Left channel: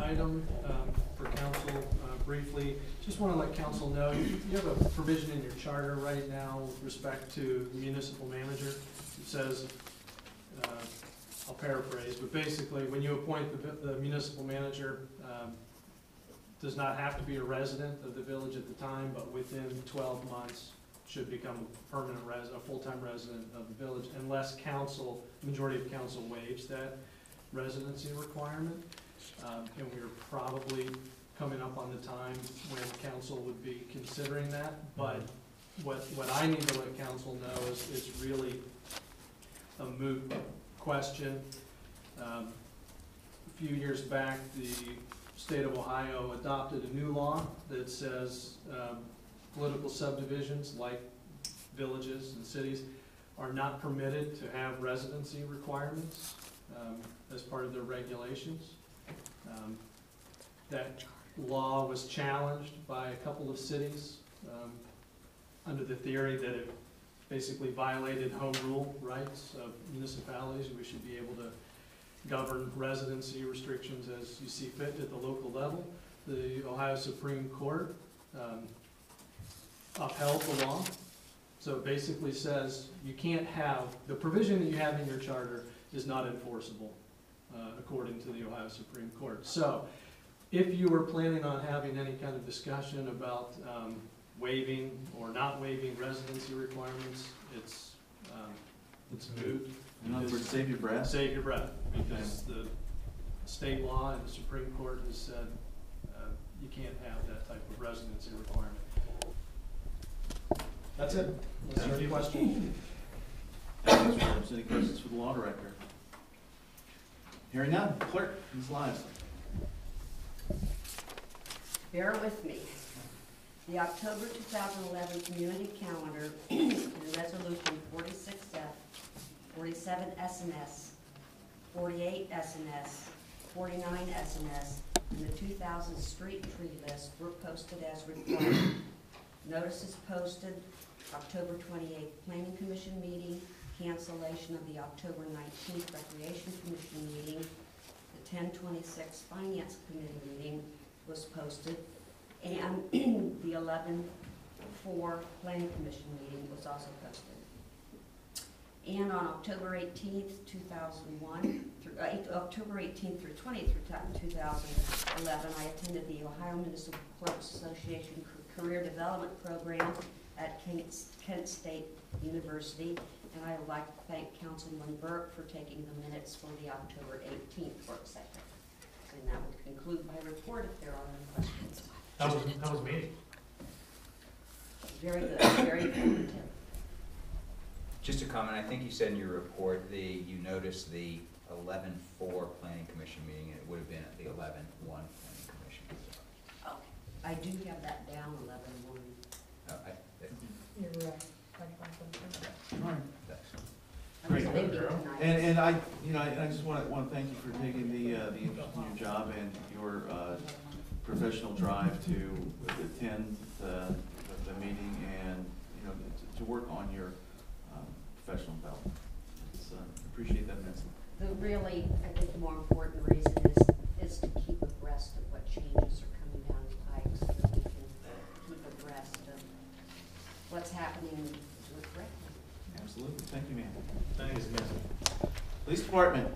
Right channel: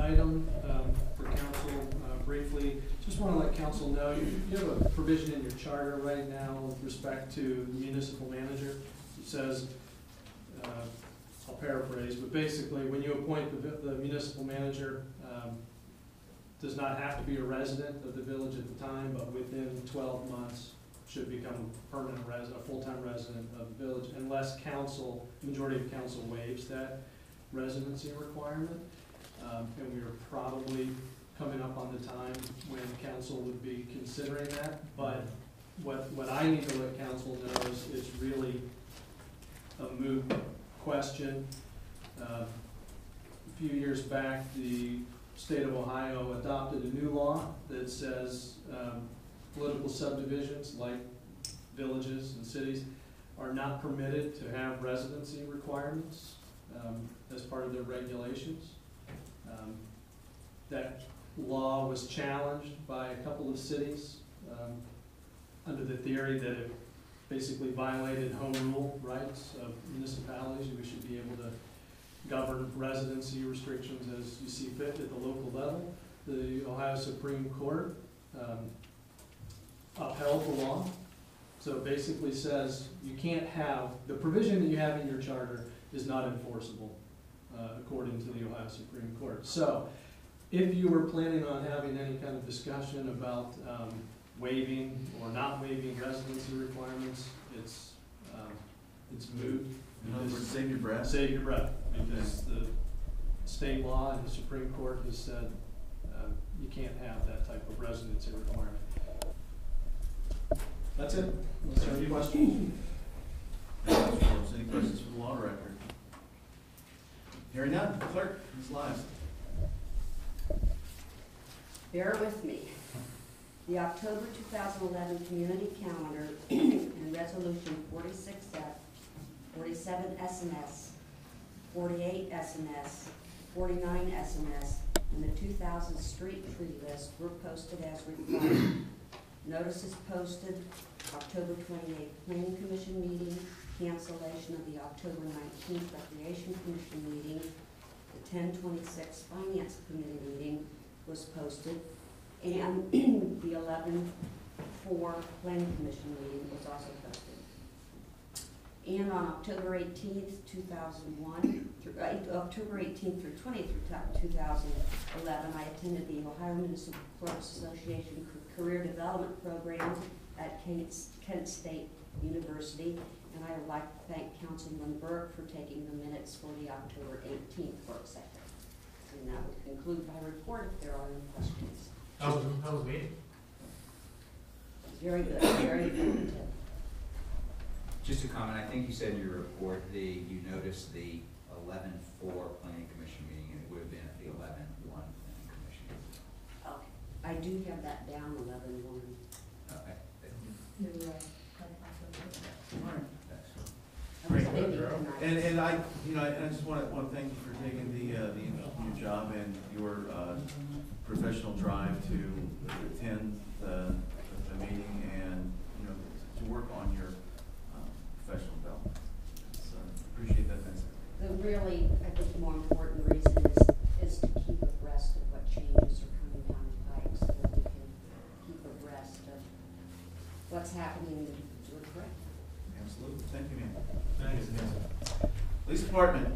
item for council briefly. Just want to let council know you have a provision in your charter right now with respect to the municipal manager. It says, I'll paraphrase, but basically when you appoint the municipal manager, does not have to be a resident of the village at the time, but within 12 months should become a permanent resident, a full-time resident of the village, unless council, majority of council waives that residency requirement. And we are probably coming up on the time when council would be considering that. But what I need to let council know is really a moot question. A few years back, the state of Ohio adopted a new law that says political subdivisions like villages and cities are not permitted to have residency requirements as part of their regulations. That law was challenged by a couple of cities under the theory that it basically violated home rule rights of municipalities. We should be able to govern residency restrictions as you see fit at the local level. The Ohio Supreme Court upheld the law. So it basically says you can't have, the provision that you have in your charter is not enforceable according to the Ohio Supreme Court. So if you were planning on having any kind of discussion about waiving or not waiving residency requirements, it's moot. In other words, save your breath. Save your breath, because the state law and the Supreme Court has said you can't have that type of residency requirement. That's it. Unless there are any questions. Any questions for the law director? Hearing none. Clerk, Ms. Lives. Bear with me. The October 2011 community calendar and resolution 46F, 47 SNS, 48 SNS, 49 SNS, and the 2000 street tree list were posted as required. Notices posted October 28th Planning Commission meeting, cancellation of the October 19th Recreation Commission meeting, the 10/26 Finance Committee meeting was posted, and the 11/4 Planning Commission meeting was also posted. And on October 18th, 2001, October 18th through 20th, 2011, I attended the Ohio Municipal Clerks Association Career Development Program at Kent State University, and I would like to thank Councilman Burke for taking the minutes for the October 18th work session. And that would conclude my report if there are any questions. How was the meeting? Very good, very informative. Just a comment, I think you said in your report you noticed the 11/4 Planning Commission meeting, and it would have been at the 11/1 Planning Commission. Okay, I do have that down, 11/1. Okay. You're right. All right. I was Great. thinking tonight. And I just want to thank you for taking the new job and your professional drive to attend the meeting and to work on your professional development. Appreciate that, Vincent. The really, I think the more important reason is to keep abreast of what changes are coming down the pike so that we can keep abreast of what's happening and do it correctly. Absolutely. Thank you, ma'am. Thanks, guys. Police Department,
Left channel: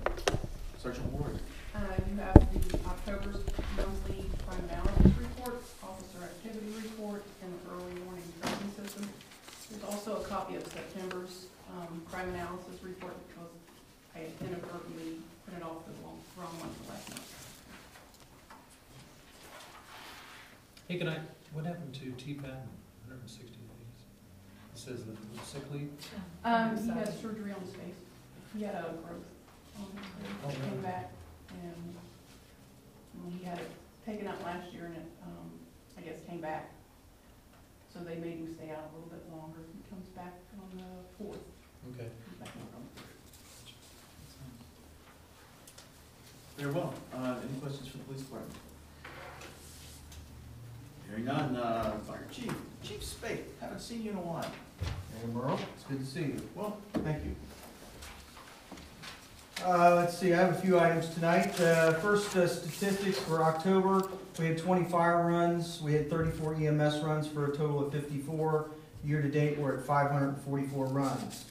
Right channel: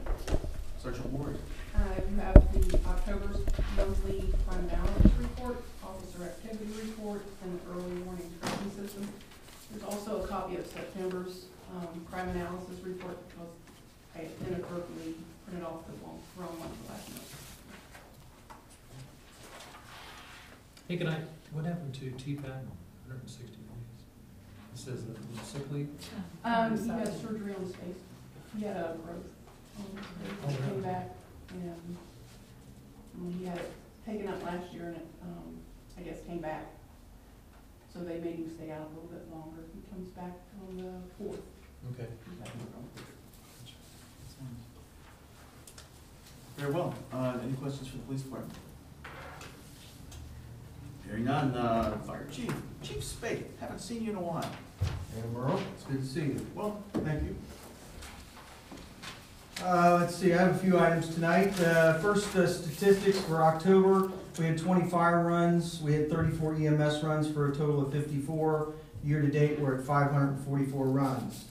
Sergeant Ward. You have the October's monthly crime analysis report, officer activity report, and the early warning tracking system. There's also a copy of September's crime analysis report because I inadvertently printed off the wrong one for last month. Hey, what happened to T-Pat? 160 days. It says that it was sick leave. He had surgery on his face. He had a growth on his face. Oh, It really? came back, and he had it taken out last year, and it, I guess, came back. So they made him stay out a little bit longer. He comes back on the 4th. Okay. Comes back on the 4th. Very well. Any questions for the police department? Hearing none. Fire Chief. Chief Spate. Haven't seen you in a while. Hey, Merle, it's good to see you. Well, thank you. Let's see, I have a few items tonight. First, statistics for October. We had 20 fire runs. We had 34 EMS runs for a total of 54. Year to date, we're at 544 runs.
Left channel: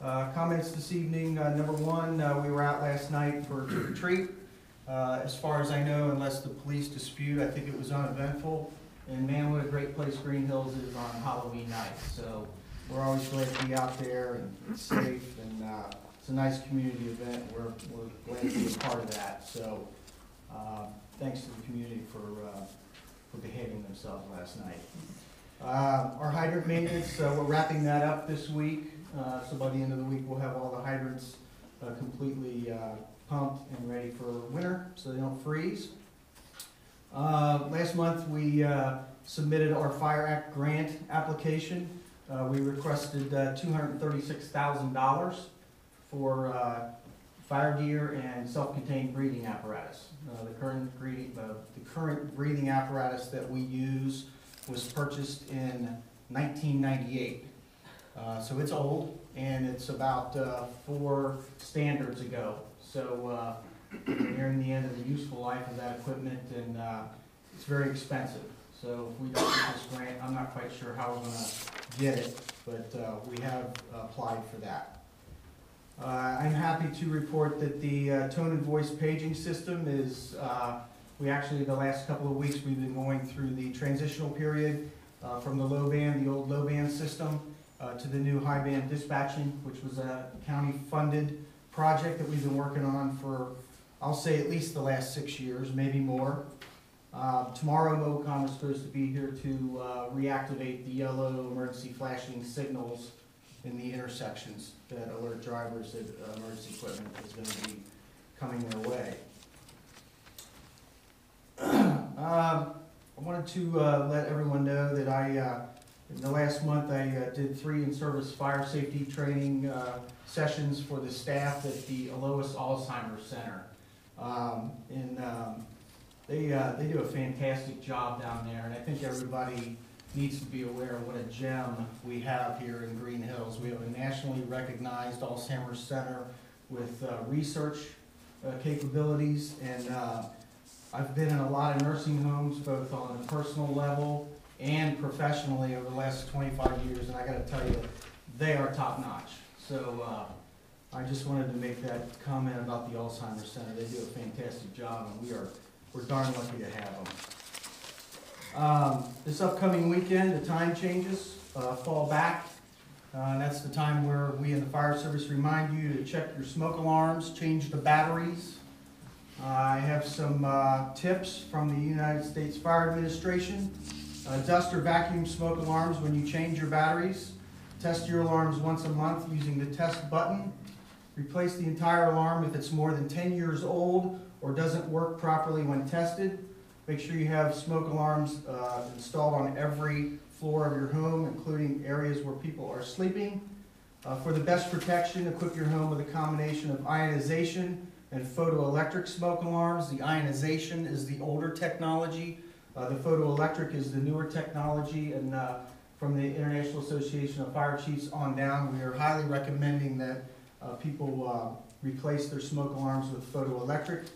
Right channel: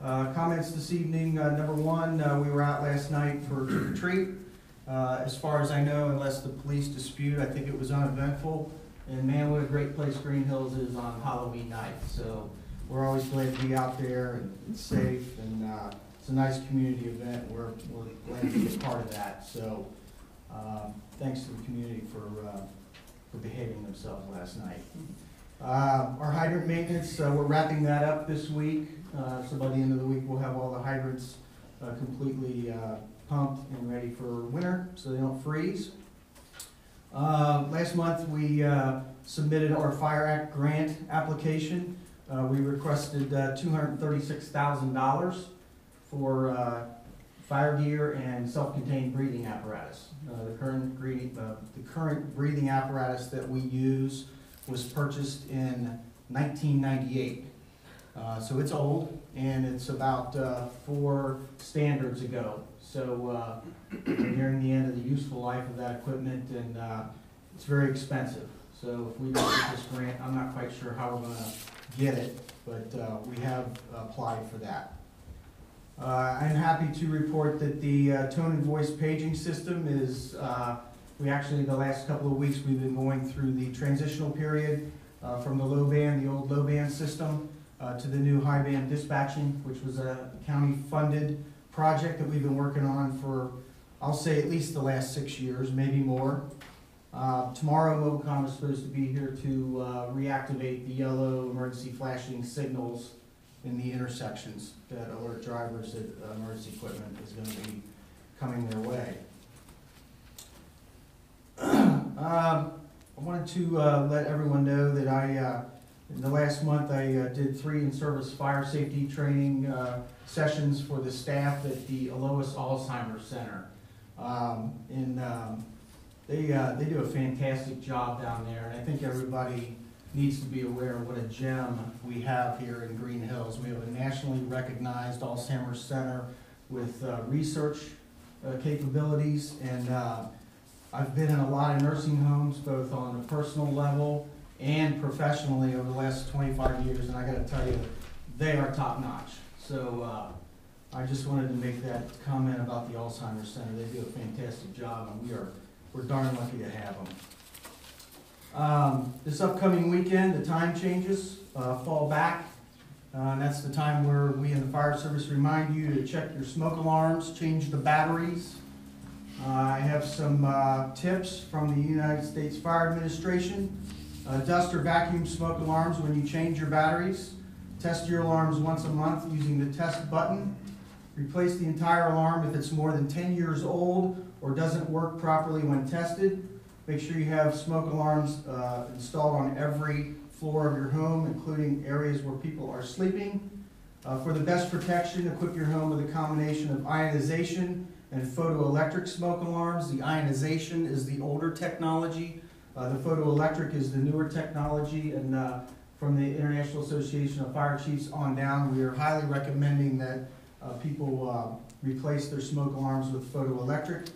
Comments this evening. Number one, we were out last night for trick or treat. As far as I know, unless the police dispute, I think it was uneventful. And man, what a great place Greenhills is on Halloween night. So we're always glad to be out there, and it's safe, and it's a nice community event. We're glad to be a part of that. So thanks to the community for behaving themselves last night. Our hydrant maintenance, we're wrapping that up this week. So by the end of the week, we'll have all the hydrants completely pumped and ready for winter so they don't freeze. Last month, we submitted our Fire Act grant application. We requested $236,000 for fire gear and self-contained breathing apparatus. The current breathing apparatus that we use was purchased in 1998. So it's old, and it's about 4 standards ago. So we're nearing the end of the useful life of that equipment, and it's very expensive. So if we don't get this grant, I'm not quite sure how we're going to get it, but we have applied for that. I'm happy to report that the tone and voice paging system is, we actually, the last couple of weeks, we've been going through the transitional period from the low band, the old low band system, to the new high band dispatching, which was a county-funded project that we've been working on for, I'll say, at least the last 6 years, maybe more. Tomorrow, Mobicom is supposed to be here to reactivate the yellow emergency flashing signals in the intersections that alert drivers that emergency equipment is going to be coming their way. I wanted to let everyone know that in the last month, I did 3 in-service fire safety training sessions for the staff at the Alois Alzheimer's Center. They do a fantastic job down there, and I think everybody needs to be aware of what a gem we have here in Greenhills. We have a nationally recognized Alzheimer's Center with research capabilities, and I've been in a lot of nursing homes, both on a personal level and professionally over the last 25 years, and I gotta tell you, they are top notch. So I just wanted to make that comment about the Alzheimer's Center. They do a fantastic job, and we're darn lucky to have them. This upcoming weekend, the time changes, fall back, and that's the time where we in the fire service remind you to check your smoke alarms, change the batteries. I have some tips from the United States Fire Administration. Dust or vacuum smoke alarms when you change your batteries. Test your alarms once a month using the test button. Replace the entire alarm if it's more than 10 years old or doesn't work properly when tested. Make sure you have smoke alarms installed on every floor of your home, including areas where people are sleeping. For the best protection, equip your home with a combination of ionization and photoelectric smoke alarms. The ionization is the older technology. The photoelectric is the newer technology, and from the International Association of Fire Chiefs on down, we are highly recommending that people replace their smoke alarms with photoelectric.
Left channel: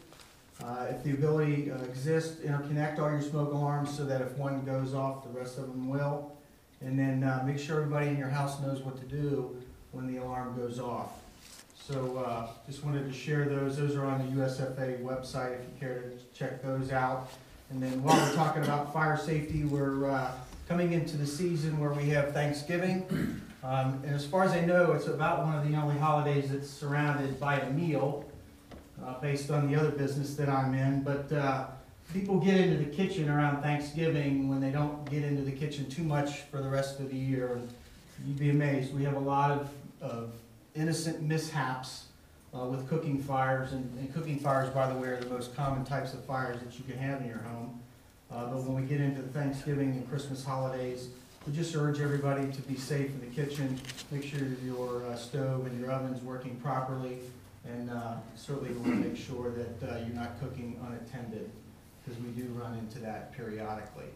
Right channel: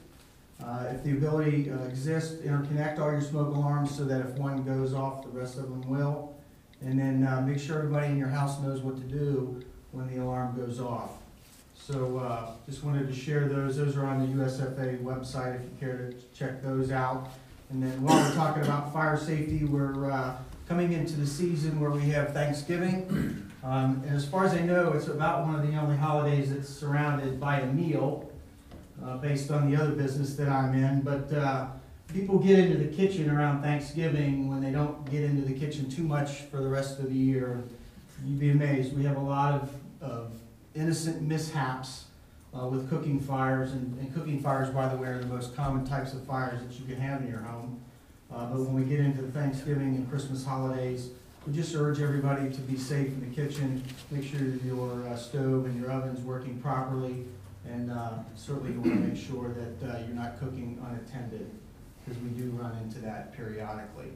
If the ability exists, interconnect all your smoke alarms so that if one goes off, the rest of them will. And then make sure everybody in your house knows what to do when the alarm goes off. So just wanted to share those. Those are on the USFA website if you care to check those out. And then while we're talking about fire safety, we're coming into the season where we have Thanksgiving. And as far as I know, it's about one of the only holidays that's surrounded by a meal. Based on the other business that I'm in, but people get into the kitchen around Thanksgiving when they don't get into the kitchen too much for the rest of the year. You'd be amazed. We have a lot of innocent mishaps with cooking fires, and cooking fires, by the way, are the most common types of fires that you can have in your home. But when we get into the Thanksgiving and Christmas holidays, we just urge everybody to be safe in the kitchen. Make sure your stove and your oven's working properly. And certainly you want to make sure that you're not cooking unattended, because we do run into that periodically.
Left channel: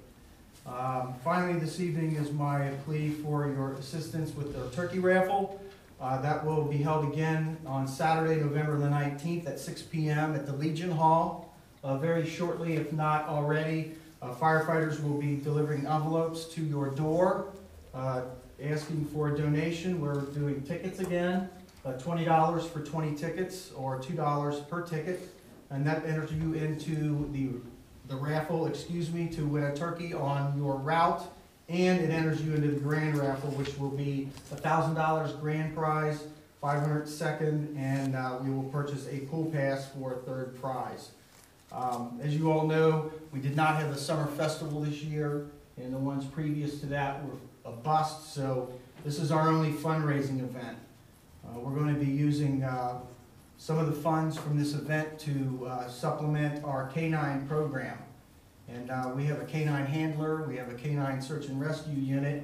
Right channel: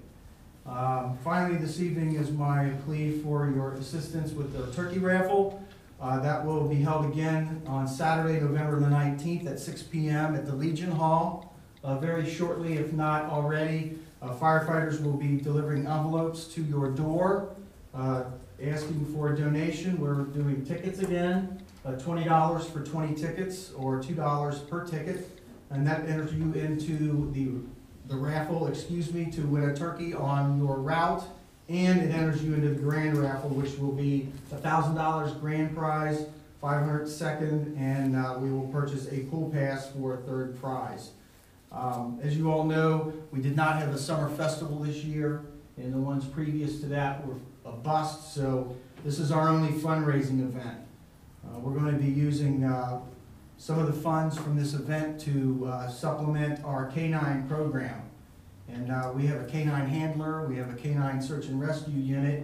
Finally, this evening is my plea for your assistance with the turkey raffle. That will be held again on Saturday, November the 19th at 6 p.m. at the Legion Hall. Very shortly, if not already, firefighters will be delivering envelopes to your door, asking for a donation. We're doing tickets again, $20 for 20 tickets or $2 per ticket, and that enters you into the raffle, to win a turkey on your route, and it enters you into the grand raffle, which will be $1,000 grand prize, $500 second, and we will purchase a pool pass for a third prize. As you all know, we did not have the summer festival this year, and the ones previous to that were a bust, so this is our only fundraising event. We're going to be using some of the funds from this event to supplement our canine program. And we have a canine handler, we have a canine search and rescue unit,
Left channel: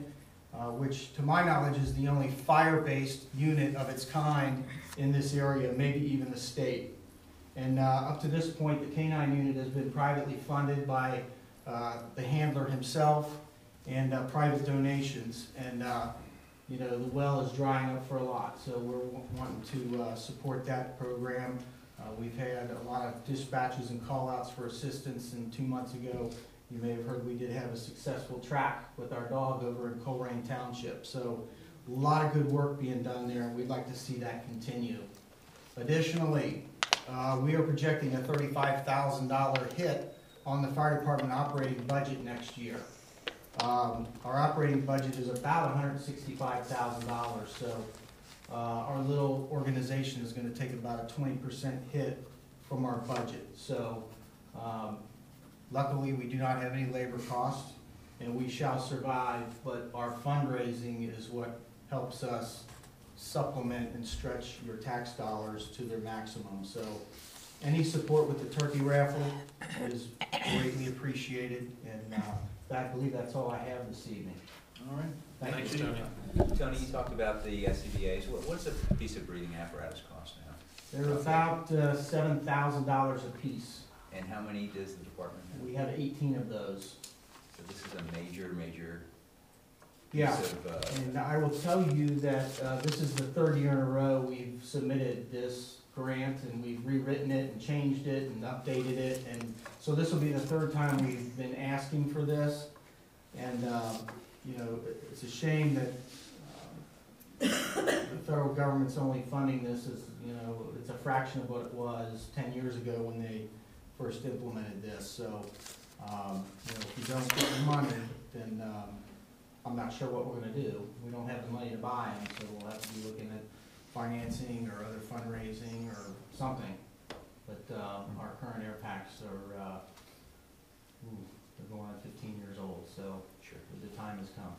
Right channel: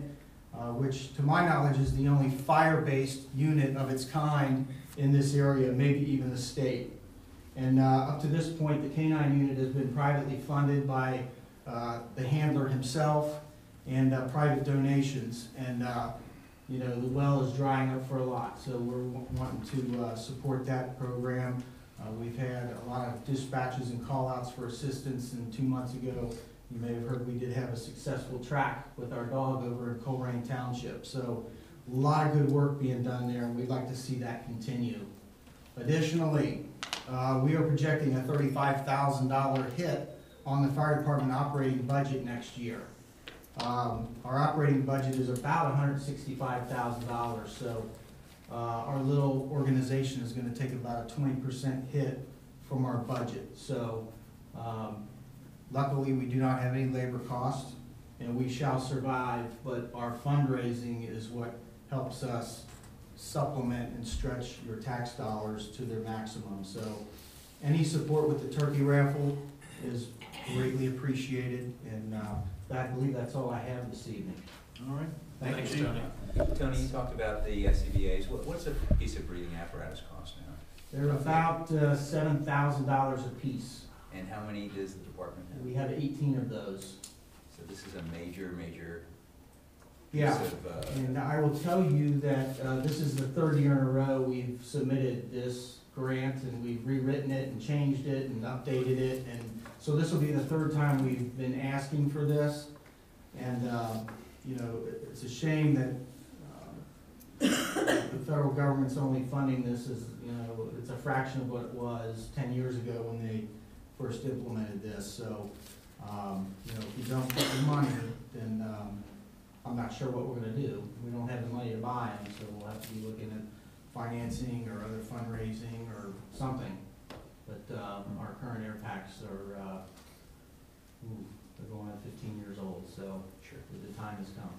which to my knowledge is the only fire-based unit of its kind in this area, maybe even the state. And up to this point, the canine unit has been privately funded by the handler himself and private donations. And you know, the well is drying up for a lot, so we're wanting to support that program. We've had a lot of dispatches and call-outs for assistance, and 2 months ago, you may have heard we did have a successful track with our dog over in Coleraine Township. So a lot of good work being done there, and we'd like to see that continue. Additionally, we are projecting a $35,000 hit on the fire department operating budget next year. Our operating budget is about $165,000, so our little organization is going to take about a 20% hit from our budget. So luckily we do not have any labor costs, and we shall survive, but our fundraising is what helps us supplement and stretch your tax dollars to their maximum. So any support with the turkey raffle is greatly appreciated, and I believe that's all I have this evening. All right. Thanks, Tony. Tony, you talked about the SCBA's. What's a piece of breathing apparatus cost now? They're about $7,000 a piece. And how many does the department have? We have 18 of those. So this is a major Yeah, piece of, and I will tell you that this is the third year in a row we've submitted this grant, and we've rewritten it and changed it and updated it, and so this will be the third time we've been asking for this. And you know, it's a shame that the federal government's only funding this as, you know, it's a fraction of what it was 10 years ago when they first implemented this. So you know, if you don't get the money, then I'm not sure what we're going to do. We don't have the money to buy them, so we'll have to be looking at financing or other fundraising or something. But our current air packs are they're going on 15 years old, so sure. the time has come.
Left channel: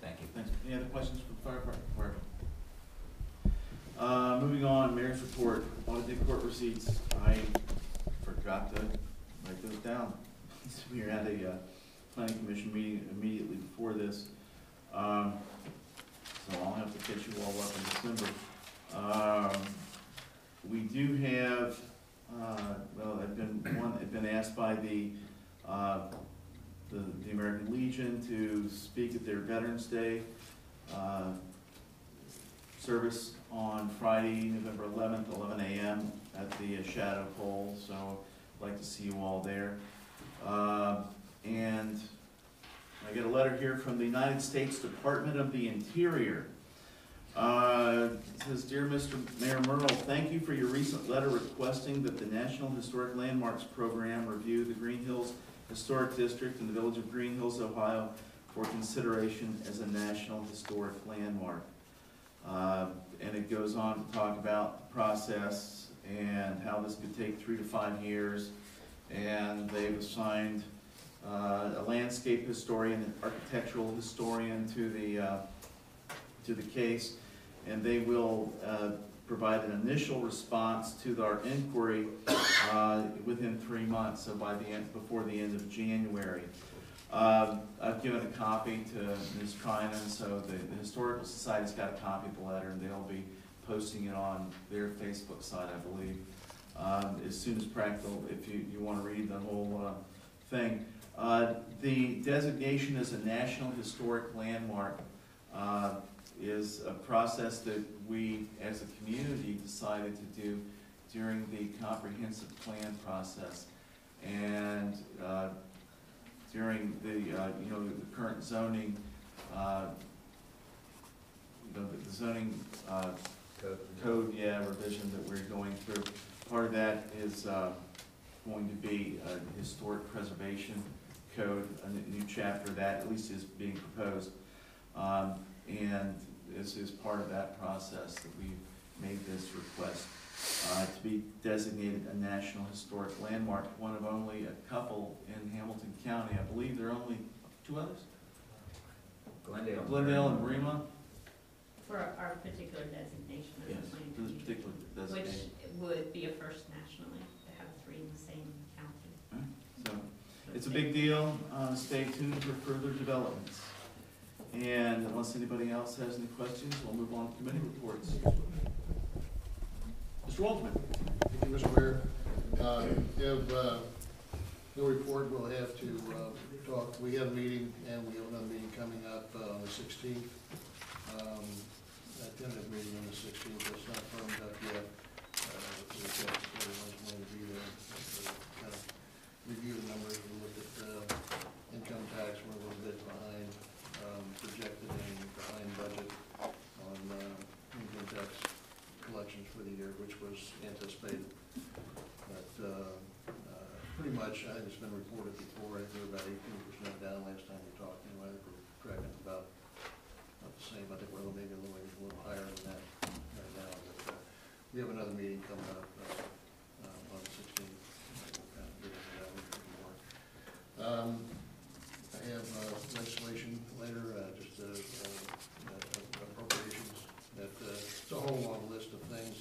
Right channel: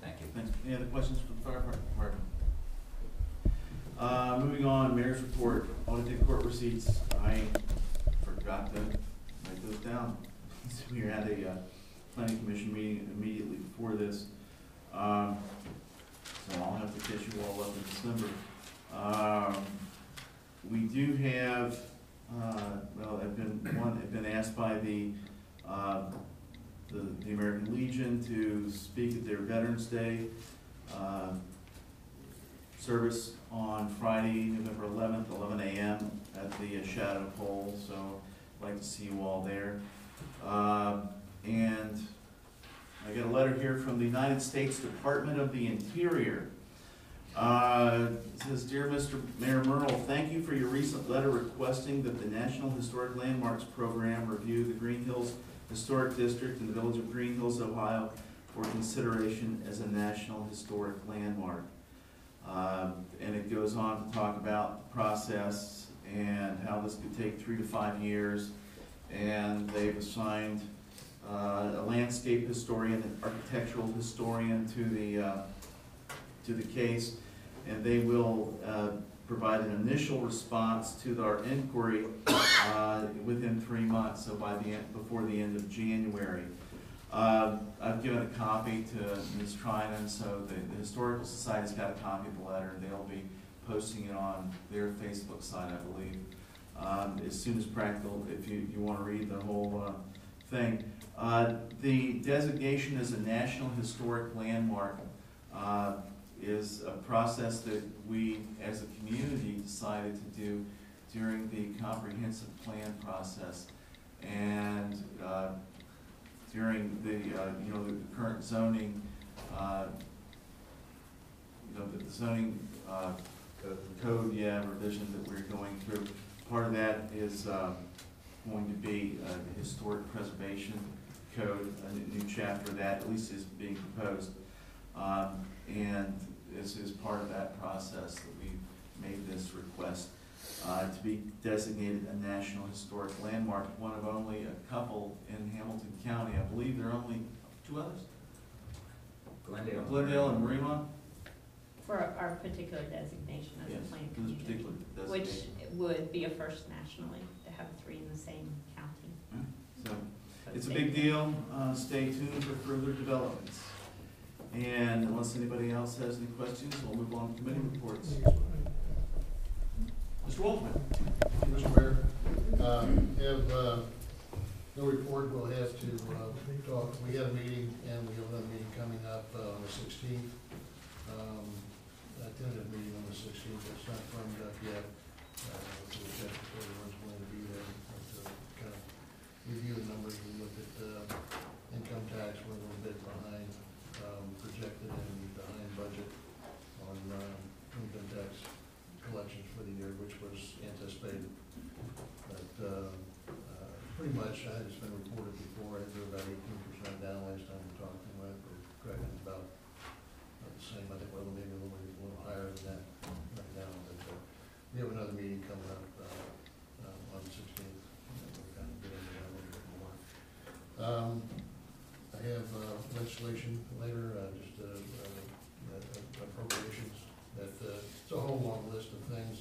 Thank you. Thanks. Any other questions for the fire department? Moving on, mayor's report, audited court receipts. I forgot to write those down. We were at a planning commission meeting immediately before this, so I'll have to catch you all up in December. We do have, well, I've been asked by the American Legion to speak at their Veterans Day service on Friday, November 11th, 11 a.m. at the Shadow Pole, so I'd like to see you all there. And I got a letter here from the United States Department of the Interior. It says, Dear Mr. Mayor Myrtle, thank you for your recent letter requesting that the National Historic Landmarks Program review the Greenhills Historic District in the village of Greenhills, Ohio, for consideration as a National Historic Landmark. And it goes on to talk about the process and how this could take 3 to 5 years. And they've assigned a landscape historian and architectural historian to the case, and they will provide an initial response to our inquiry within 3 months, so before the end of January. I've given a copy to Ms. Trinan, so the Historical Society's got a copy of the letter, and they'll be posting it on their Facebook site, I believe, as soon as practical, if you want to read the whole thing. The designation as a National Historic Landmark is a process that we, as a community, decided to do during the comprehensive plan process. And during the, the current zoning, the zoning code, revision that we're going through, part of that is going to be a historic preservation code, a new chapter of that, at least is being proposed. And this is part of that process that we've made this request to be designated a National Historic Landmark, one of only a couple in Hamilton County. I believe there are only 2 others? Glendale and Mariemont? For our particular designation as Yes, a planning for this commission, particular which designation. would be a first nationally to have 3 in the same county. So, it's a big deal. Stay tuned for further developments. And unless anybody else has any questions, we'll move on to committee reports. Mr. Waldman. Thank you, Mr. Mayor. Have no report. We'll have to talk. We had a meeting, and we have another meeting coming up on the 16th. A tentative meeting on the 16th. It's not firmed up yet. So we checked if everyone's going to be there. Kind of review the numbers. We looked at income tax. We're a little bit behind projected and behind budget on income tax collections for the year, which was anticipated. But pretty much, I think it's been reported before, I think we're about 18% down last time we talked, anyway. We're tracking about the same. I think we're maybe a little higher than that right now. But we have another meeting coming up on the 16th. We'll kind of get into that a little bit more. I have legislation later, just appropriations. It's a whole long list of things.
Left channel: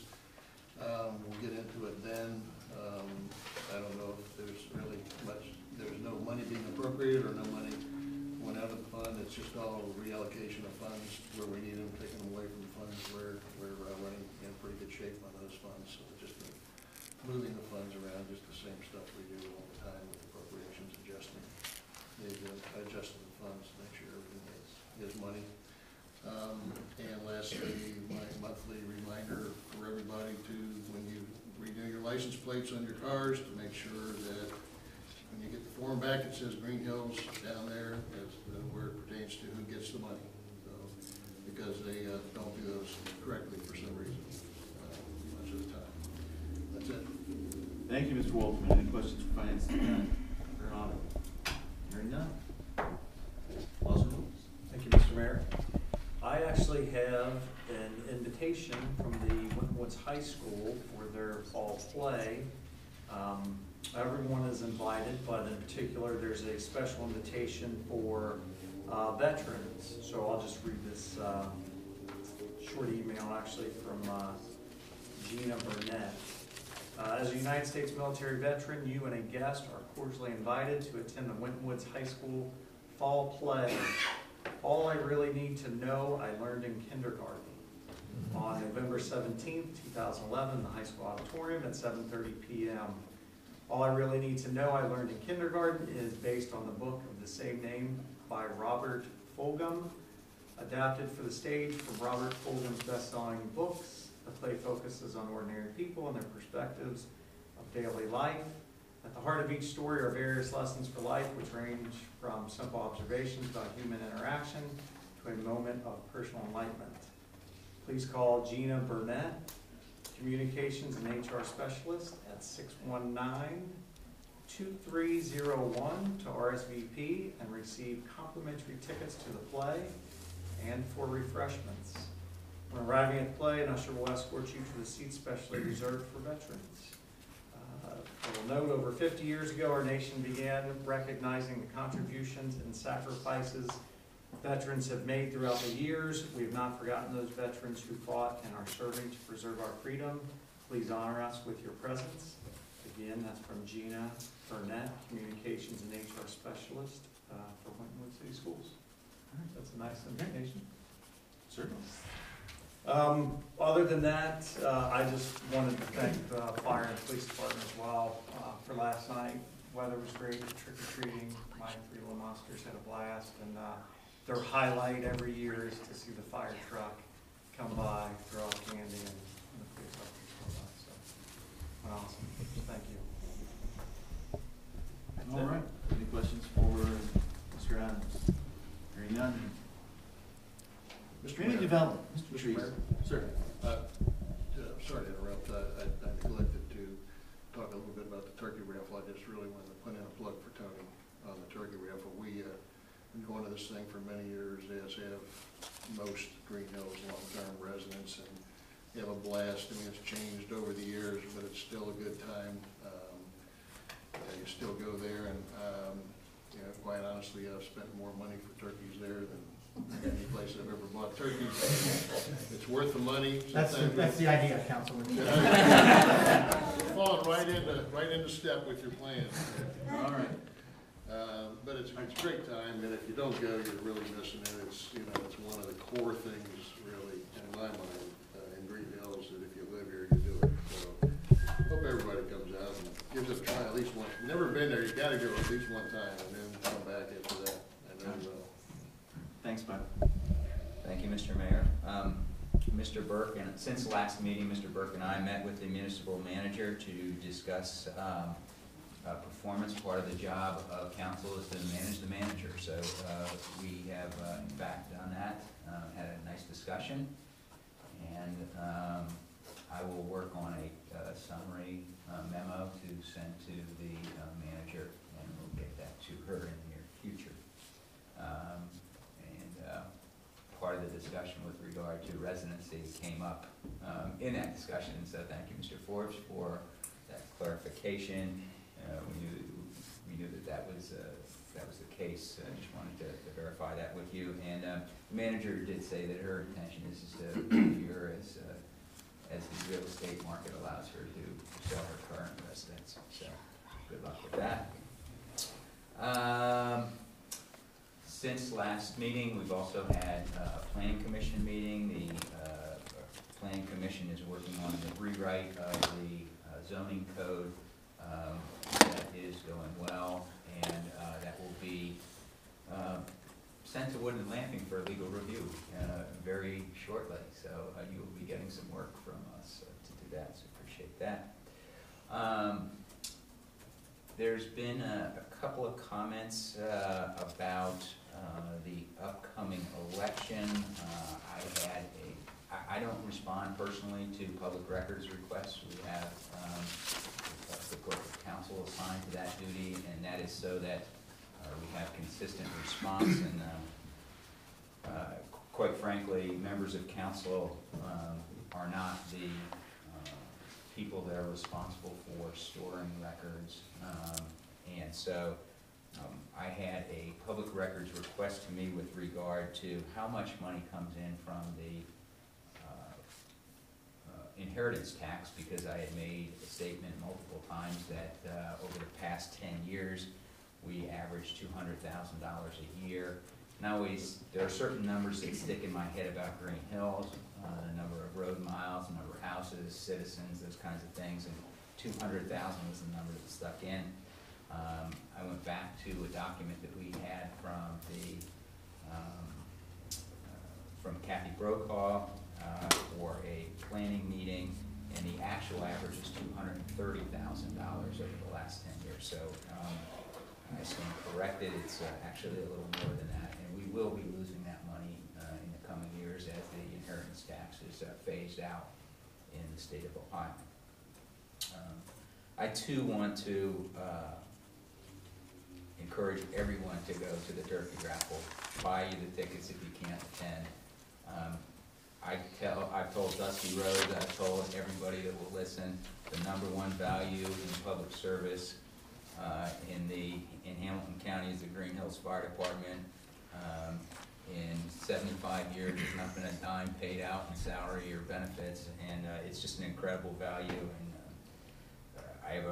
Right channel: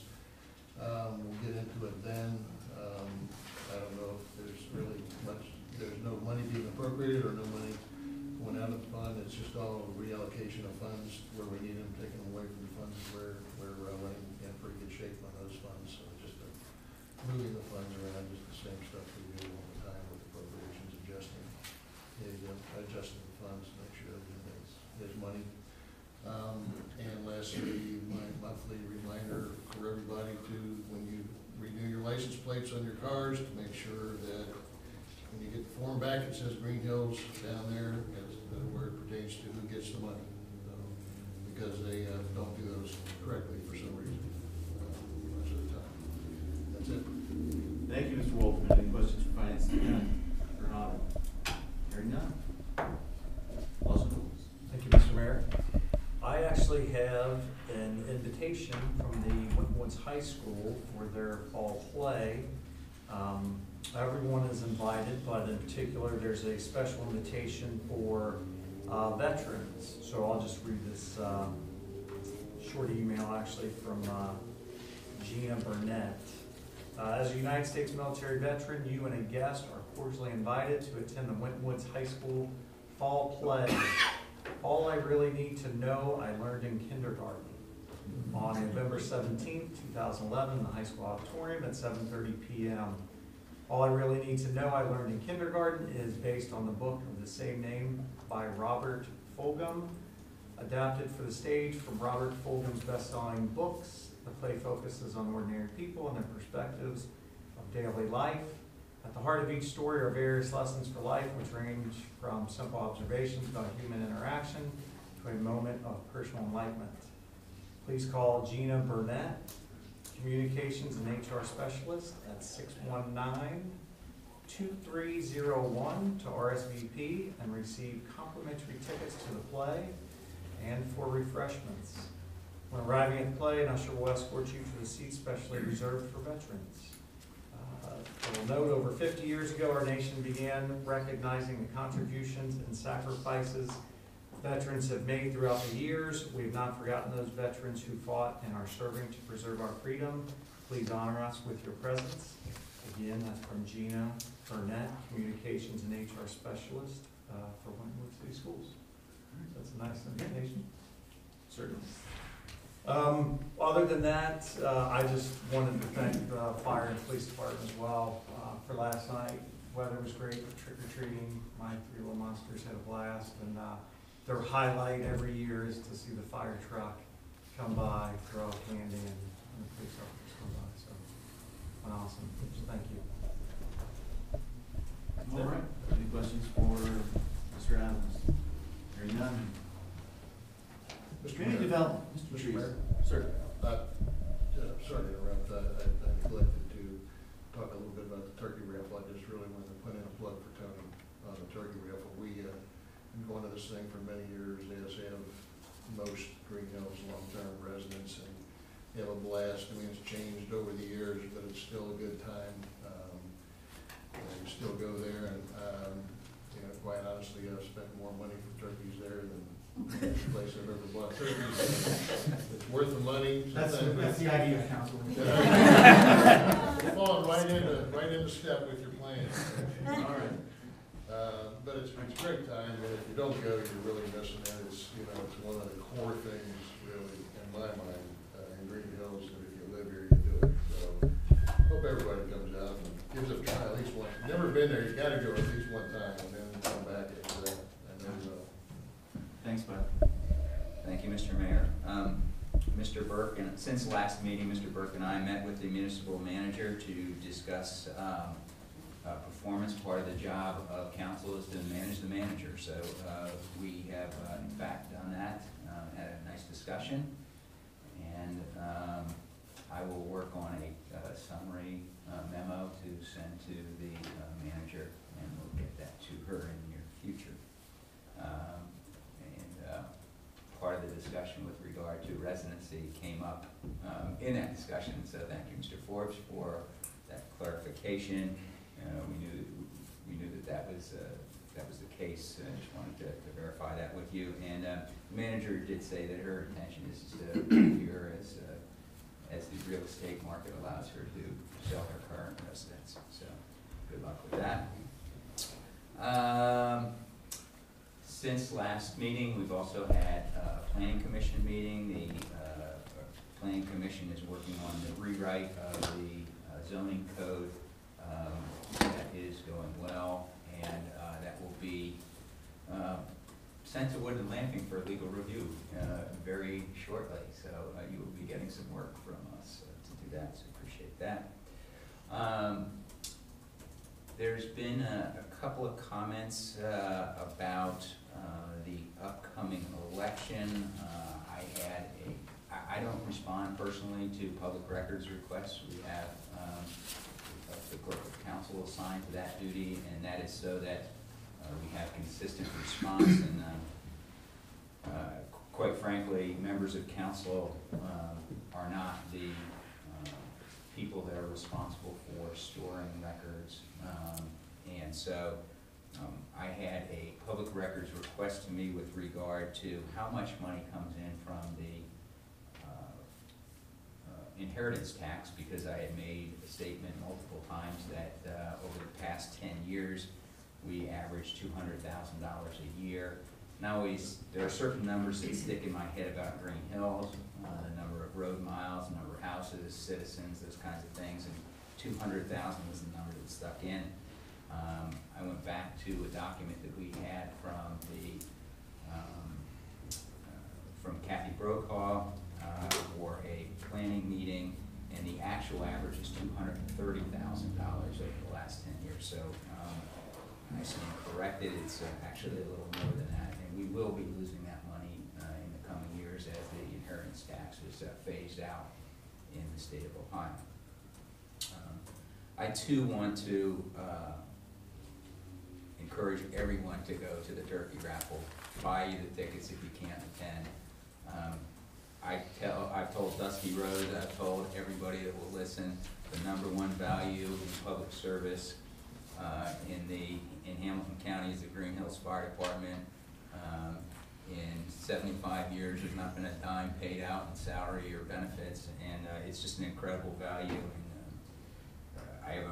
We'll get into it then. I don't know if there's really much, there's no money being appropriated or no money going out of the fund. It's just all reallocation of funds where we need them, taking them away from the funds where we're running in pretty good shape on those funds. So just moving the funds around, just the same stuff we do all the time with appropriations, adjusting the funds to make sure everything is money. And lastly, my monthly reminder for everybody to, when you renew your license plates on your cars, to make sure that when you get the form back, it says Greenhills down there, as where it pertains to who gets the money. So, because they don't do those correctly for some reason, much of the time. That's it. Thank you, Mr. Waldman. Any questions for Finance Department or an audit? Hearing none. Laws and rules. Thank you, Mr. Mayor. I actually have an invitation from the Winton Woods High School for their fall play. Everyone is invited, but in particular, there's a special invitation for veterans. So I'll just read this short email actually from Gina Burnett. As a United States military veteran, you and a guest are cordially invited to attend the Winton Woods High School fall play. All I really need to know, I learned in kindergarten. On November 17th, 2011, in the high school auditorium at 7:30 p.m. All I really need to know, I learned in kindergarten is based on the book of the same name by Robert Fulghum, adapted for the stage from Robert Fulghum's best-selling books. The play focuses on ordinary people and their perspectives of daily life. At the heart of each story are various lessons for life, which range from simple observations about human interaction to a moment of personal enlightenment. Please call Gina Burnett, Communications and HR Specialist, at 619-2301 to RSVP and receive complimentary tickets to the play and for refreshments. When arriving at the play, an usher will escort you to the seats specially reserved for veterans. I will note, over 50 years ago, our nation began recognizing the contributions and sacrifices veterans have made throughout the years. We have not forgotten those veterans who fought and are serving to preserve our freedom. Please honor us with your presence. Again, that's from Gina Burnett, Communications and HR Specialist for Winton Woods City Schools. That's a nice invitation. Certainly. Other than that, I just wanted to thank the fire and police department as well for last night. Weather was great, trick-or-treating. My 3 little monsters had a blast, and their highlight every year is to see the fire truck come by, throw out candy, and the police officers come by, so, awesome, thank you. All right, any questions for Mr. Adams? Hearing none. Community Mayor. development, Mr. Mr. Trees. Mayor. Sir. Sorry to interrupt, I neglected to talk a little bit about the turkey raffle. I just really wanted to put in a plug for Tony on the turkey raffle. We been going to this thing for many years, as have most Greenhills long-term residents, and have a blast. I mean, it's changed over the years, but it's still a good time. You still go there, and you know, quite honestly, I've spent more money for turkeys there than any place I've ever bought turkeys. It's worth the money. That's the idea, Councilman. Falling right into step with your plan. All right. But it's a great time, and if you don't go, you're really missing it. It's, you know, it's one of the core things, really, in my mind, in Greenhills, that if you live here, you do it. So, hope everybody comes out and gives it a try at least once. If you've never been there, you gotta go at least one time, and then come back after that. I know you will. Thanks, Bud. Thank you, Mr. Mayor. Mr. Burke, and since last meeting, Mr. Burke and I met with the municipal manager to discuss performance. Part of the job of council is to manage the manager. So we have in fact done that, had a nice discussion, and I will work on a summary memo to send to the manager, and we'll get that to her in the near future. Part of the discussion with regard to residency came up in that discussion, so thank you, Mr. Forbes, for that clarification. We knew that was the case. I just wanted to verify that with you. And the manager did say that her intention is to be here as the real estate market allows her to sell her current residence. So good luck with that. Since last meeting, we've also had a planning commission meeting. The planning commission is working on the rewrite of the zoning code. That is going well, and that will be sent to Wood and Lamping for legal review very shortly. So you will be getting some work from us to do that, so appreciate that. There's been a couple of comments about the upcoming election. I don't respond personally to public records requests. We have the corporate counsel assigned to that duty, and that is so that we have consistent response. And quite frankly, members of council are not the people that are responsible for storing records. And so I had a public records request to me with regard to how much money comes in from the inheritance tax, because I had made a statement multiple times that over the past 10 years we averaged $200,000 a year. Now there are certain numbers that stick in my head about Greenhills, the number of road miles, the number of houses, citizens, those kinds of things, and 200,000 was the number that stuck in. I went back to a document that we had from from Kathy Brokaw for a planning meeting, and the actual average is $230,000 over the last 10 years. So I stand corrected. It's actually a little more than that, and we will be losing that money in the coming years as the inheritance tax is phased out in the state of Ohio. I too want to encourage everyone to go to the turkey raffle. Buy you the tickets if you can't attend. I've told Dusty Rhodes, I've told everybody that will listen, the #1 value in public service in Hamilton County is the Greenhills Fire Department. In 75 years, there's not been a dime paid out in salary or benefits, and it's just an incredible value. And I have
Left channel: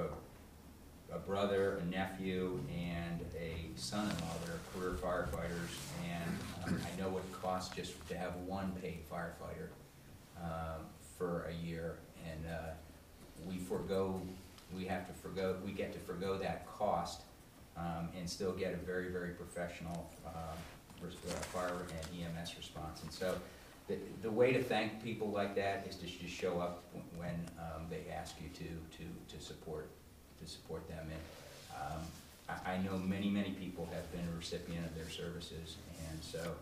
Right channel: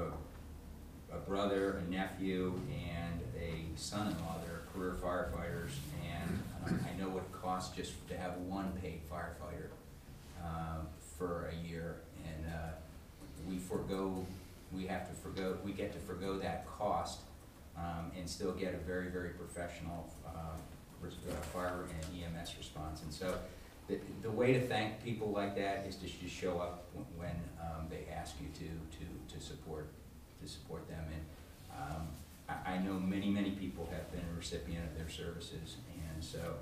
a brother, a nephew, and a son-in-law that are career firefighters, and I know what it costs just to have one paid firefighter for a year, and we get to forgo that cost and still get a very, very professional fire and EMS response. And so the way to thank people like that is to just show up when they ask you to support them. And I know many people have been a recipient of their services, and so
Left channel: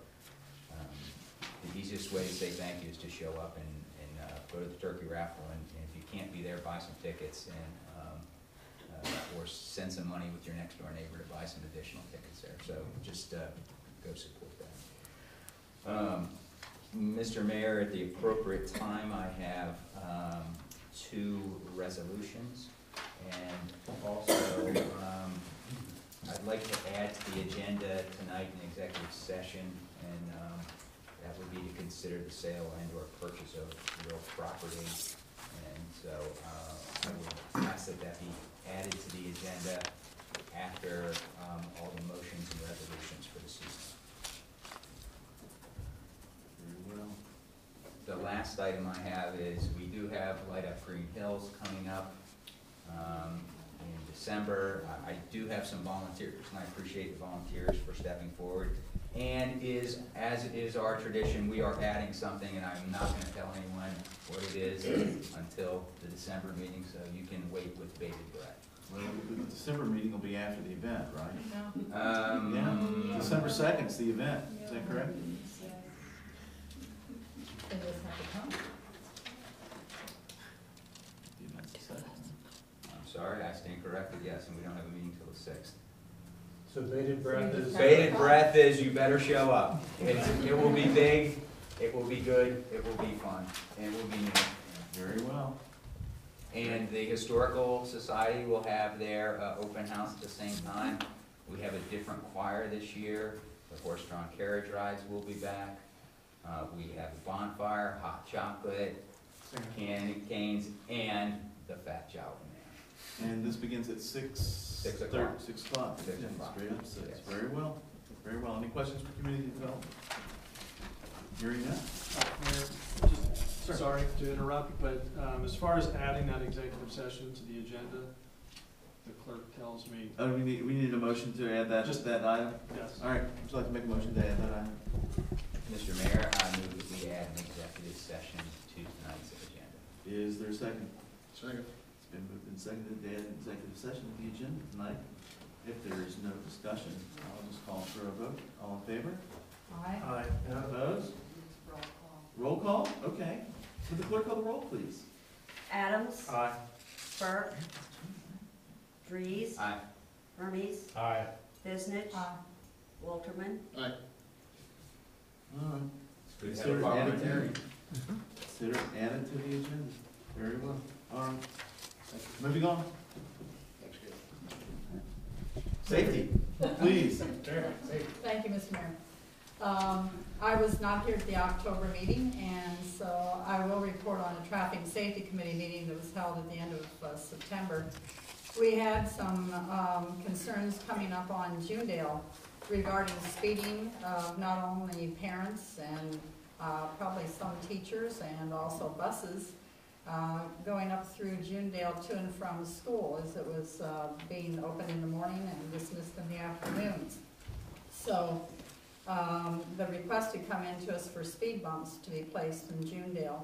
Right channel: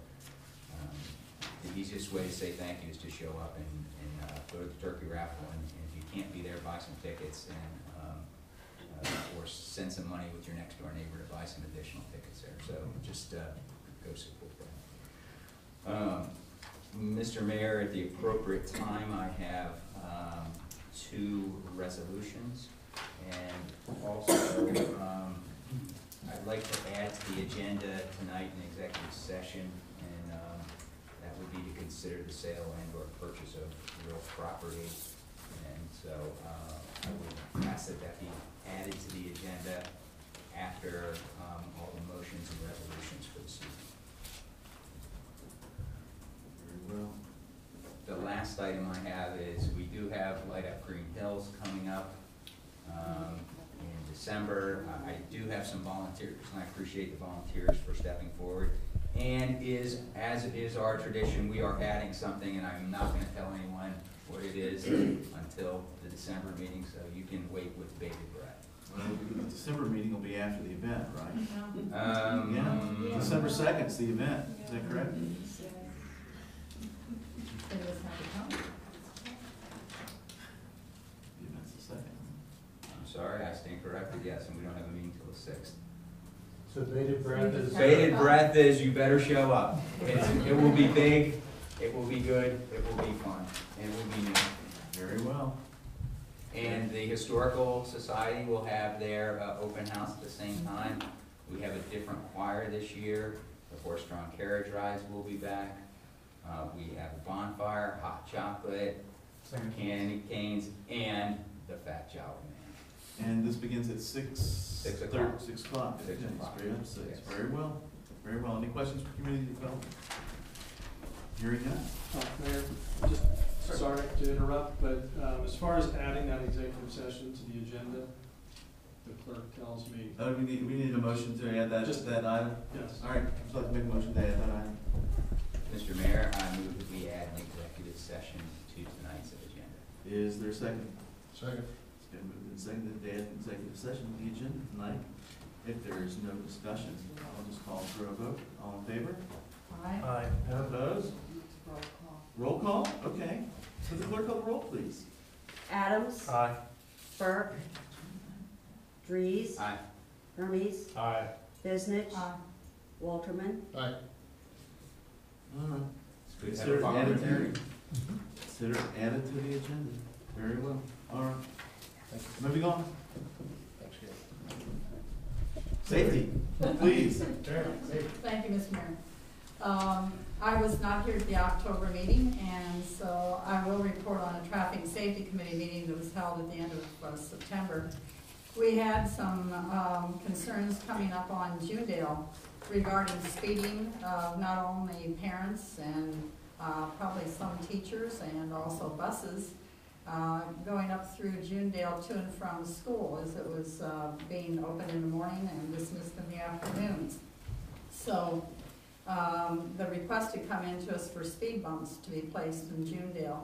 the easiest way to say thank you is to show up and go to the turkey raffle, and if you can't be there, buy some tickets, and or send some money with your next door neighbor to buy some additional tickets there. So just go support that. Mr. Mayor, at the appropriate time, I have 2 resolutions, and also I'd like to add to the agenda tonight an executive session, and that would be to consider the sale and or purchase of real property. And so I would ask that that be added to the agenda after all the motions and resolutions for the season. Very well. The last item I have is we do have Light Up Greenhills coming up in December. I do have some volunteers, and I appreciate the volunteers for stepping forward. And as it is our tradition, we are adding something, and I'm not going to tell anyone what it is until the December meeting, so you can wait with bated breath. Well, the December meeting will be after the event, right? Yeah. Yeah, December 2nd is the event, is that correct? They just have to come. The event's the 2nd. I'm sorry, I stand corrected, yes, and we don't have a meeting till the 6th. So bated breath is. Bated breath is you better show up. It will be big, it will be good, it will be fun, and it will be new. Very well. And the Historical Society will have their open house at the same time. We have a different choir this year. The horse-drawn carriage rides will be back. We have a bonfire, hot chocolate, candy canes, and the Fat Jowl Man. And this begins at 6. 6 o'clock. 6 o'clock. 6 o'clock. Straight up 6. Yes. Very well. Very well. Any questions for community development? Hearing none. Mayor, just sorry to interrupt, but as far as adding that executive session to the agenda, the clerk tells me, Oh, we need a motion to add that, Just- that item? yes. All right, would you like to make a motion to add that item? Mr. Mayor, I move that we add an executive session to tonight's agenda. Is there a second? Second. It's been moved and seconded to add an executive session to the agenda tonight. If there is no discussion, I'll just call for a vote. All in favor? Aye. None opposed? Roll call? Okay. Would the clerk call the roll, please? Adams. Aye. Burke. Dries. Aye. Hermes. Aye. Biznich. Walterman. Aye. All right. Good to have Consider a it added parliamentary. Consider it added to the agenda. Very well. All right. Moving on. Thanks, Gary. Safety, please. Thank you, Mr. Mayor. I was not here at the October meeting, and so I will report on a traffic safety committee meeting that was held at the end of September. We had some concerns coming up on Junedale regarding speeding of not only parents and probably some teachers and also buses going up through Junedale to and from school, as it was being open in the morning and dismissed in the afternoons. So the request had come in to us for speed bumps to be placed in Junedale.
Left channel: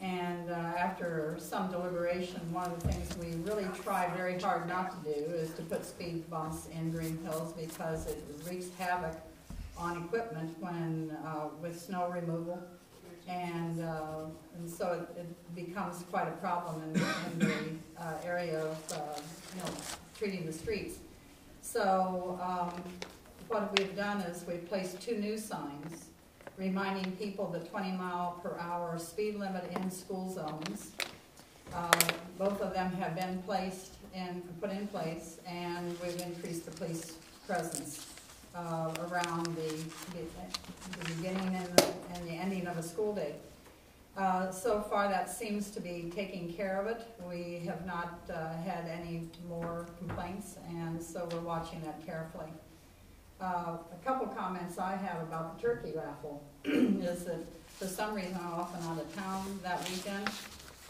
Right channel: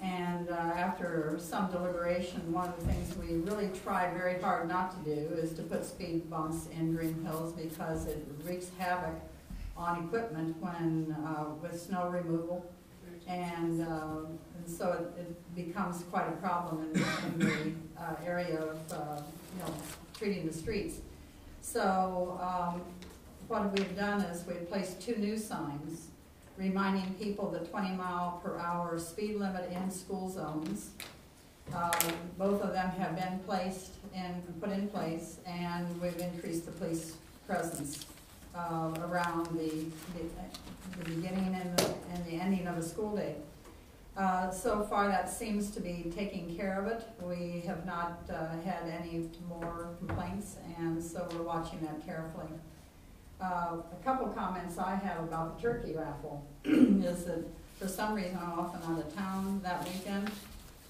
And after some deliberation, one of the things we really try very hard not to do is to put speed bumps in Greenhills, because it wreaks havoc on equipment when with snow removal. And so it becomes quite a problem in the area of treating the streets. So what we've done is we've placed 2 new signs reminding people the 20-mile-per-hour speed limit in school zones. Both of them have been put in place, and we've increased the police presence around the beginning and the ending of a school day. So far, that seems to be taking care of it. We have not had any more complaints, and so we're watching that carefully. A couple comments I have about the turkey raffle is that for some reason I'm often out of town that weekend,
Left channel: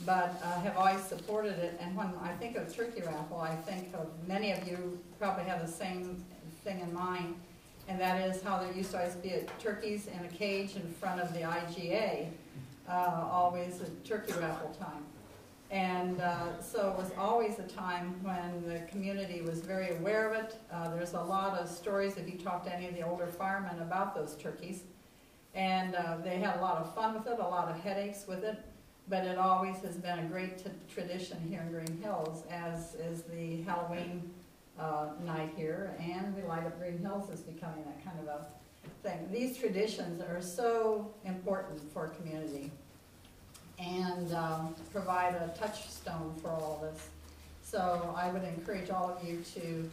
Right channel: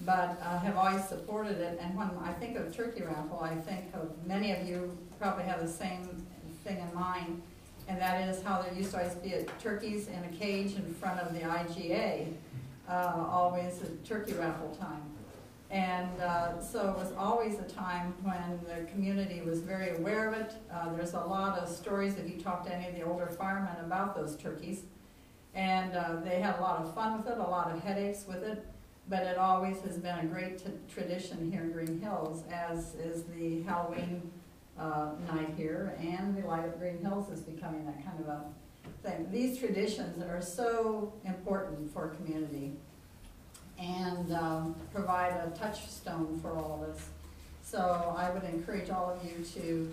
but I have always supported it. And when I think of turkey raffle, I think of many of you probably have the same thing in mind, and that is how there used to always be turkeys in a cage in front of the IGA, always a turkey raffle time. And so it was always a time when the community was very aware of it. There's a lot of stories if you talk to any of the older firemen about those turkeys. And they had a lot of fun with it, a lot of headaches with it, but it always has been a great tradition here in Green Hills, as is the Halloween night here, and the Light Up Green Hills is becoming that kind of a thing. These traditions are so important for a community and provide a touchstone for all of us. So I would encourage all of you to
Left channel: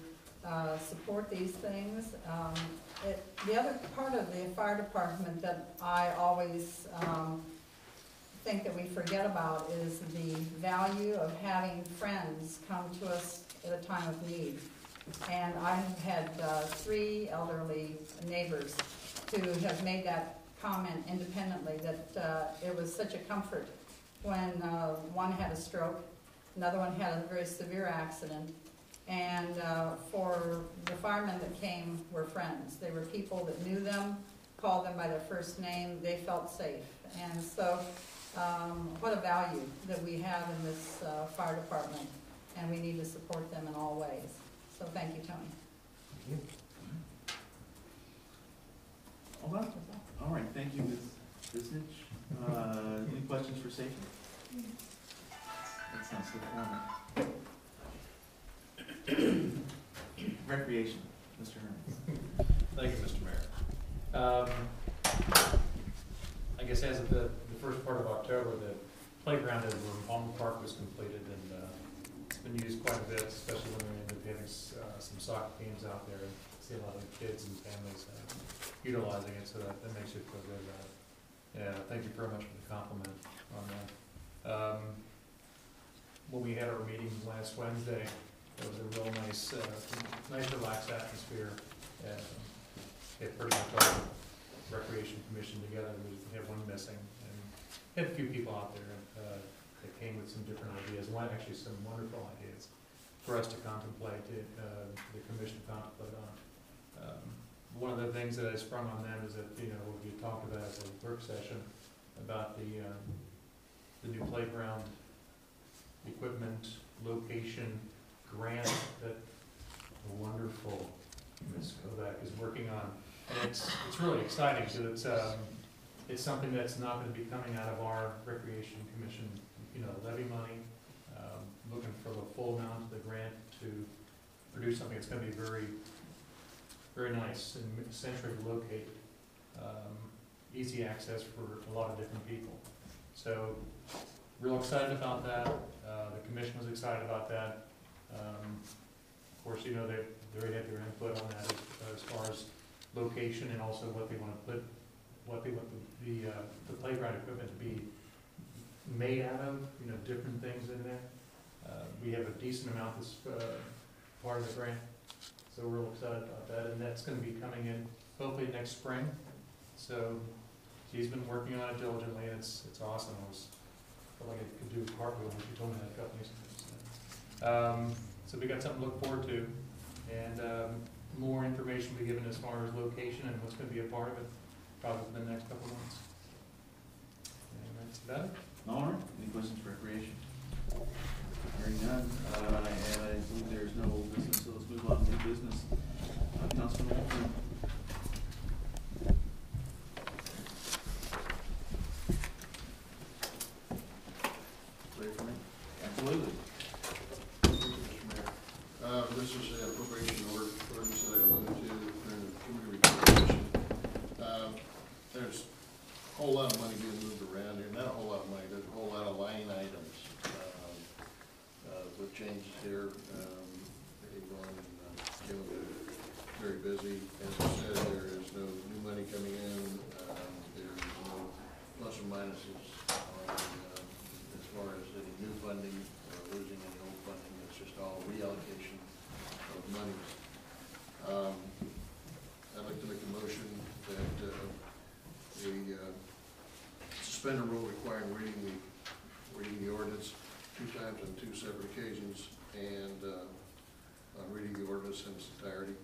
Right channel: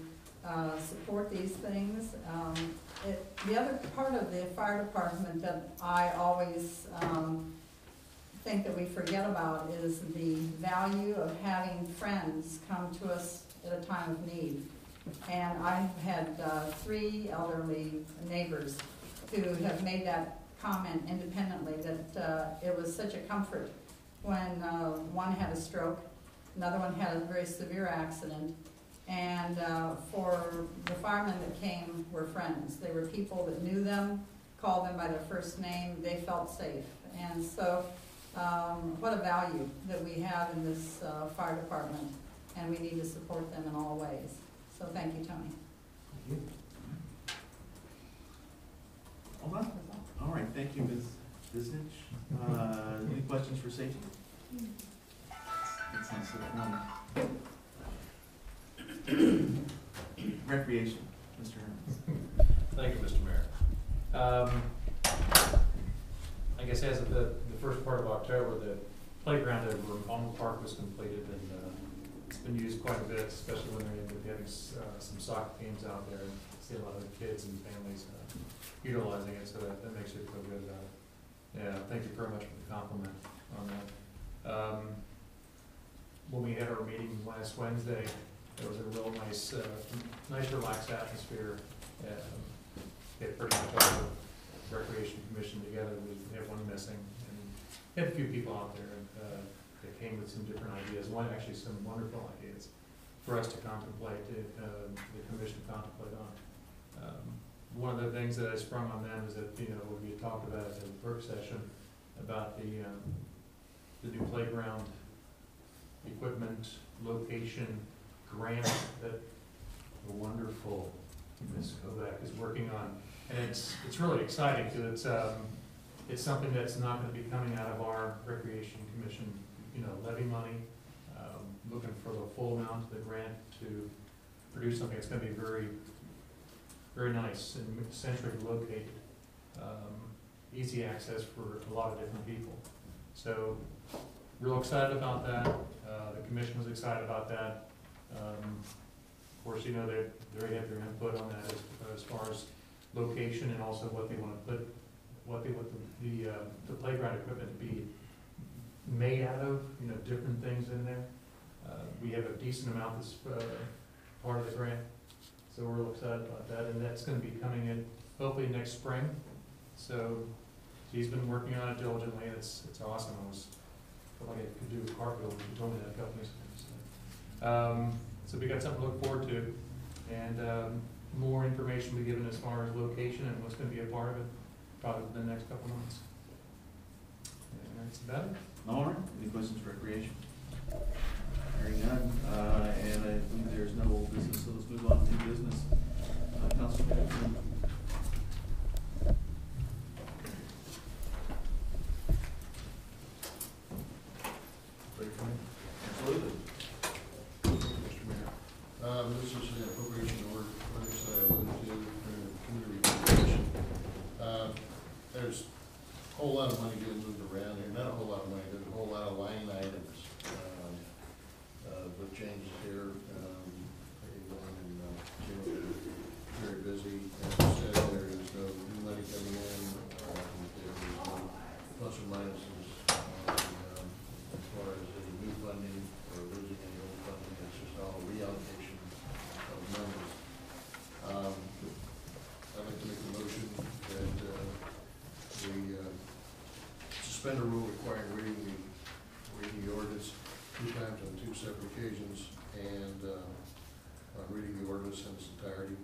support these things. The other part of the fire department that I always think that we forget about is the value of having friends come to us at a time of need. And I've had 3 elderly neighbors who have made that comment independently, that it was such a comfort when one had a stroke, another one had a very severe accident, and for the firemen that came were friends. They were people that knew them, called them by their first name, they felt safe. And so what a value that we have in this fire department, and we need to support them in all ways. So thank you, Tony. All right. All right, thank you, Ms. Bisnich. Any questions for safety? That sounds so fun. Recreation, Mr. Herman. Thank you, Mr. Mayor. I guess as of the first part of October, the playground at Alma Park was completed, and it's been used quite a bit, especially when they're end up having some soccer games out there. And see a lot of kids and families utilizing it, so that makes you feel good about it. Yeah, thank you very much for the compliment on that. When we had our meeting last Wednesday, it was a real nice, relaxed atmosphere. Get pretty much all the Recreation Commission together. We have one missing, and we had a few people out there that came with some different ideas. Actually, some wonderful ideas for us to contemplate, the commission to contemplate on. One of the things that I sprung on them is that, we talked about at the work session about the new playground equipment location grant that the wonderful Ms. Kovac is working on. And it's really exciting because it's something that's not going to be coming out of our Recreation Commission, levy money. Looking for the full amount of the grant to produce something that's going to be very, very nice and centrally located. Easy access for a lot of different people. So, real excited about that. The commission was excited about that. Of course, they already have their input on that as far as location and also what they want to put, what they want the playground equipment to be made out of. Different things in there. We have a decent amount that's part of the grant, so we're real excited about that, and that's going to be coming in hopefully next spring. So she's been working on it diligently, and it's awesome. I felt like I could do a cartwheel when she told me that a couple weeks ago. So we got something to look forward to, and more information will be given as far as location and what's going to be a part of it probably within the next couple of months. And that's about it. All right, any questions for recreation? Hearing none, and I believe there's no old business, so let's move on to new business. Councilman Wolfman. Ready for me? Absolutely. Mr. Mayor. This is an appropriation ordinance that I alluded to during the committee report. There's a whole lot of money being moved around here, not a whole lot of money, there's a whole lot of line items. With changes here, everyone very busy. As I said, there is no new money coming in. There is no plus or minuses as far as any new funding or losing any old funding. It's just all reallocation of monies. I'd like to make a motion that we suspend a rule requiring reading the ordinance 2 times on 2 separate occasions, and on reading the ordinance in its entirety.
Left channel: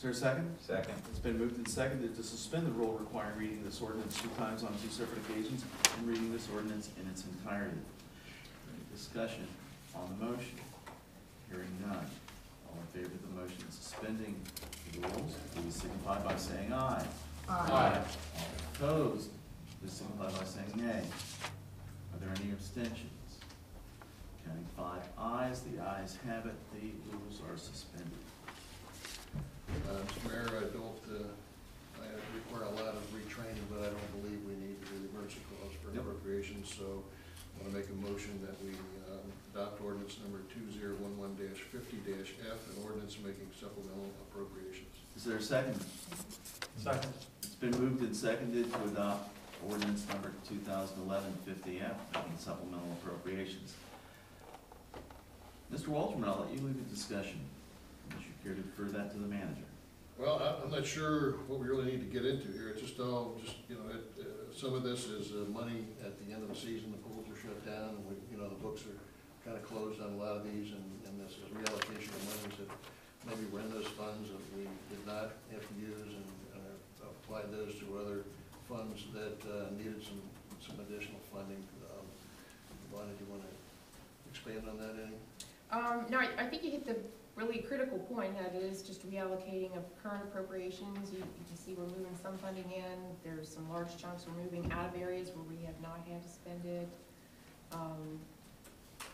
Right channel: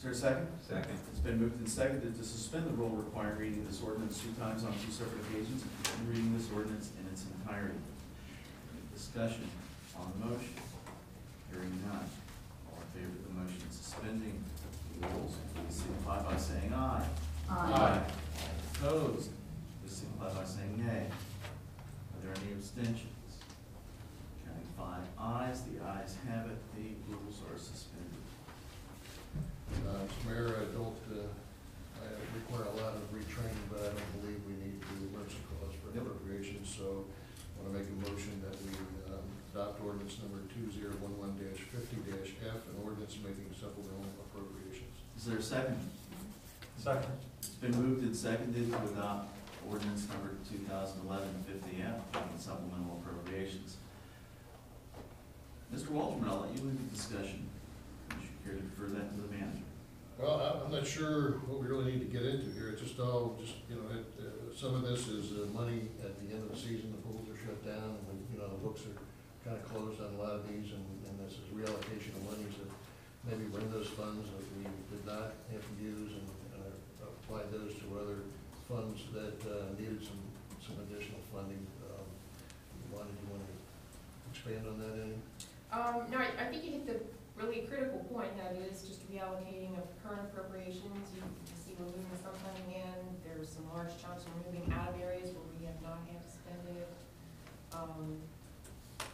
Is there a second? Second. It's been moved and seconded to suspend the rule requiring reading this ordinance 2 times on 2 separate occasions and reading this ordinance in its entirety. Discussion on the motion. Hearing none. All in favor of the motion suspending the rules, please signify by saying aye. Aye. All opposed, please signify by saying nay. Are there any abstentions? Counting 5 ayes, the ayes have it, the rules are suspended. Mr. Mayor, I require a lot of retraining, but I don't believe we need to do the emergency clause for Yep. appropriations, so I want to make a motion that we adopt ordinance number 2011-50-F, an ordinance making supplemental appropriations. Is there a second? Second. It's been moved and seconded to adopt ordinance number 2011-50F, making supplemental appropriations. Mr. Waldron, I'll let you lead the discussion. Would you care to defer that to the manager? Well, I'm not sure what we really need to get into here. It's just all, some of this is money at the end of the season, the pools are shut down, and the books are kind of closed on a lot of these, and this is reallocation of monies that maybe were in those funds that we did not have to use, and applied those to other funds that needed some additional funding. Lonnie, do you want to expand on that any? No, I think you hit the really critical point, that it is just reallocating of current appropriations. You can see we're moving some funding in, there's some large chunks we're moving out of areas where we have not had to spend it. If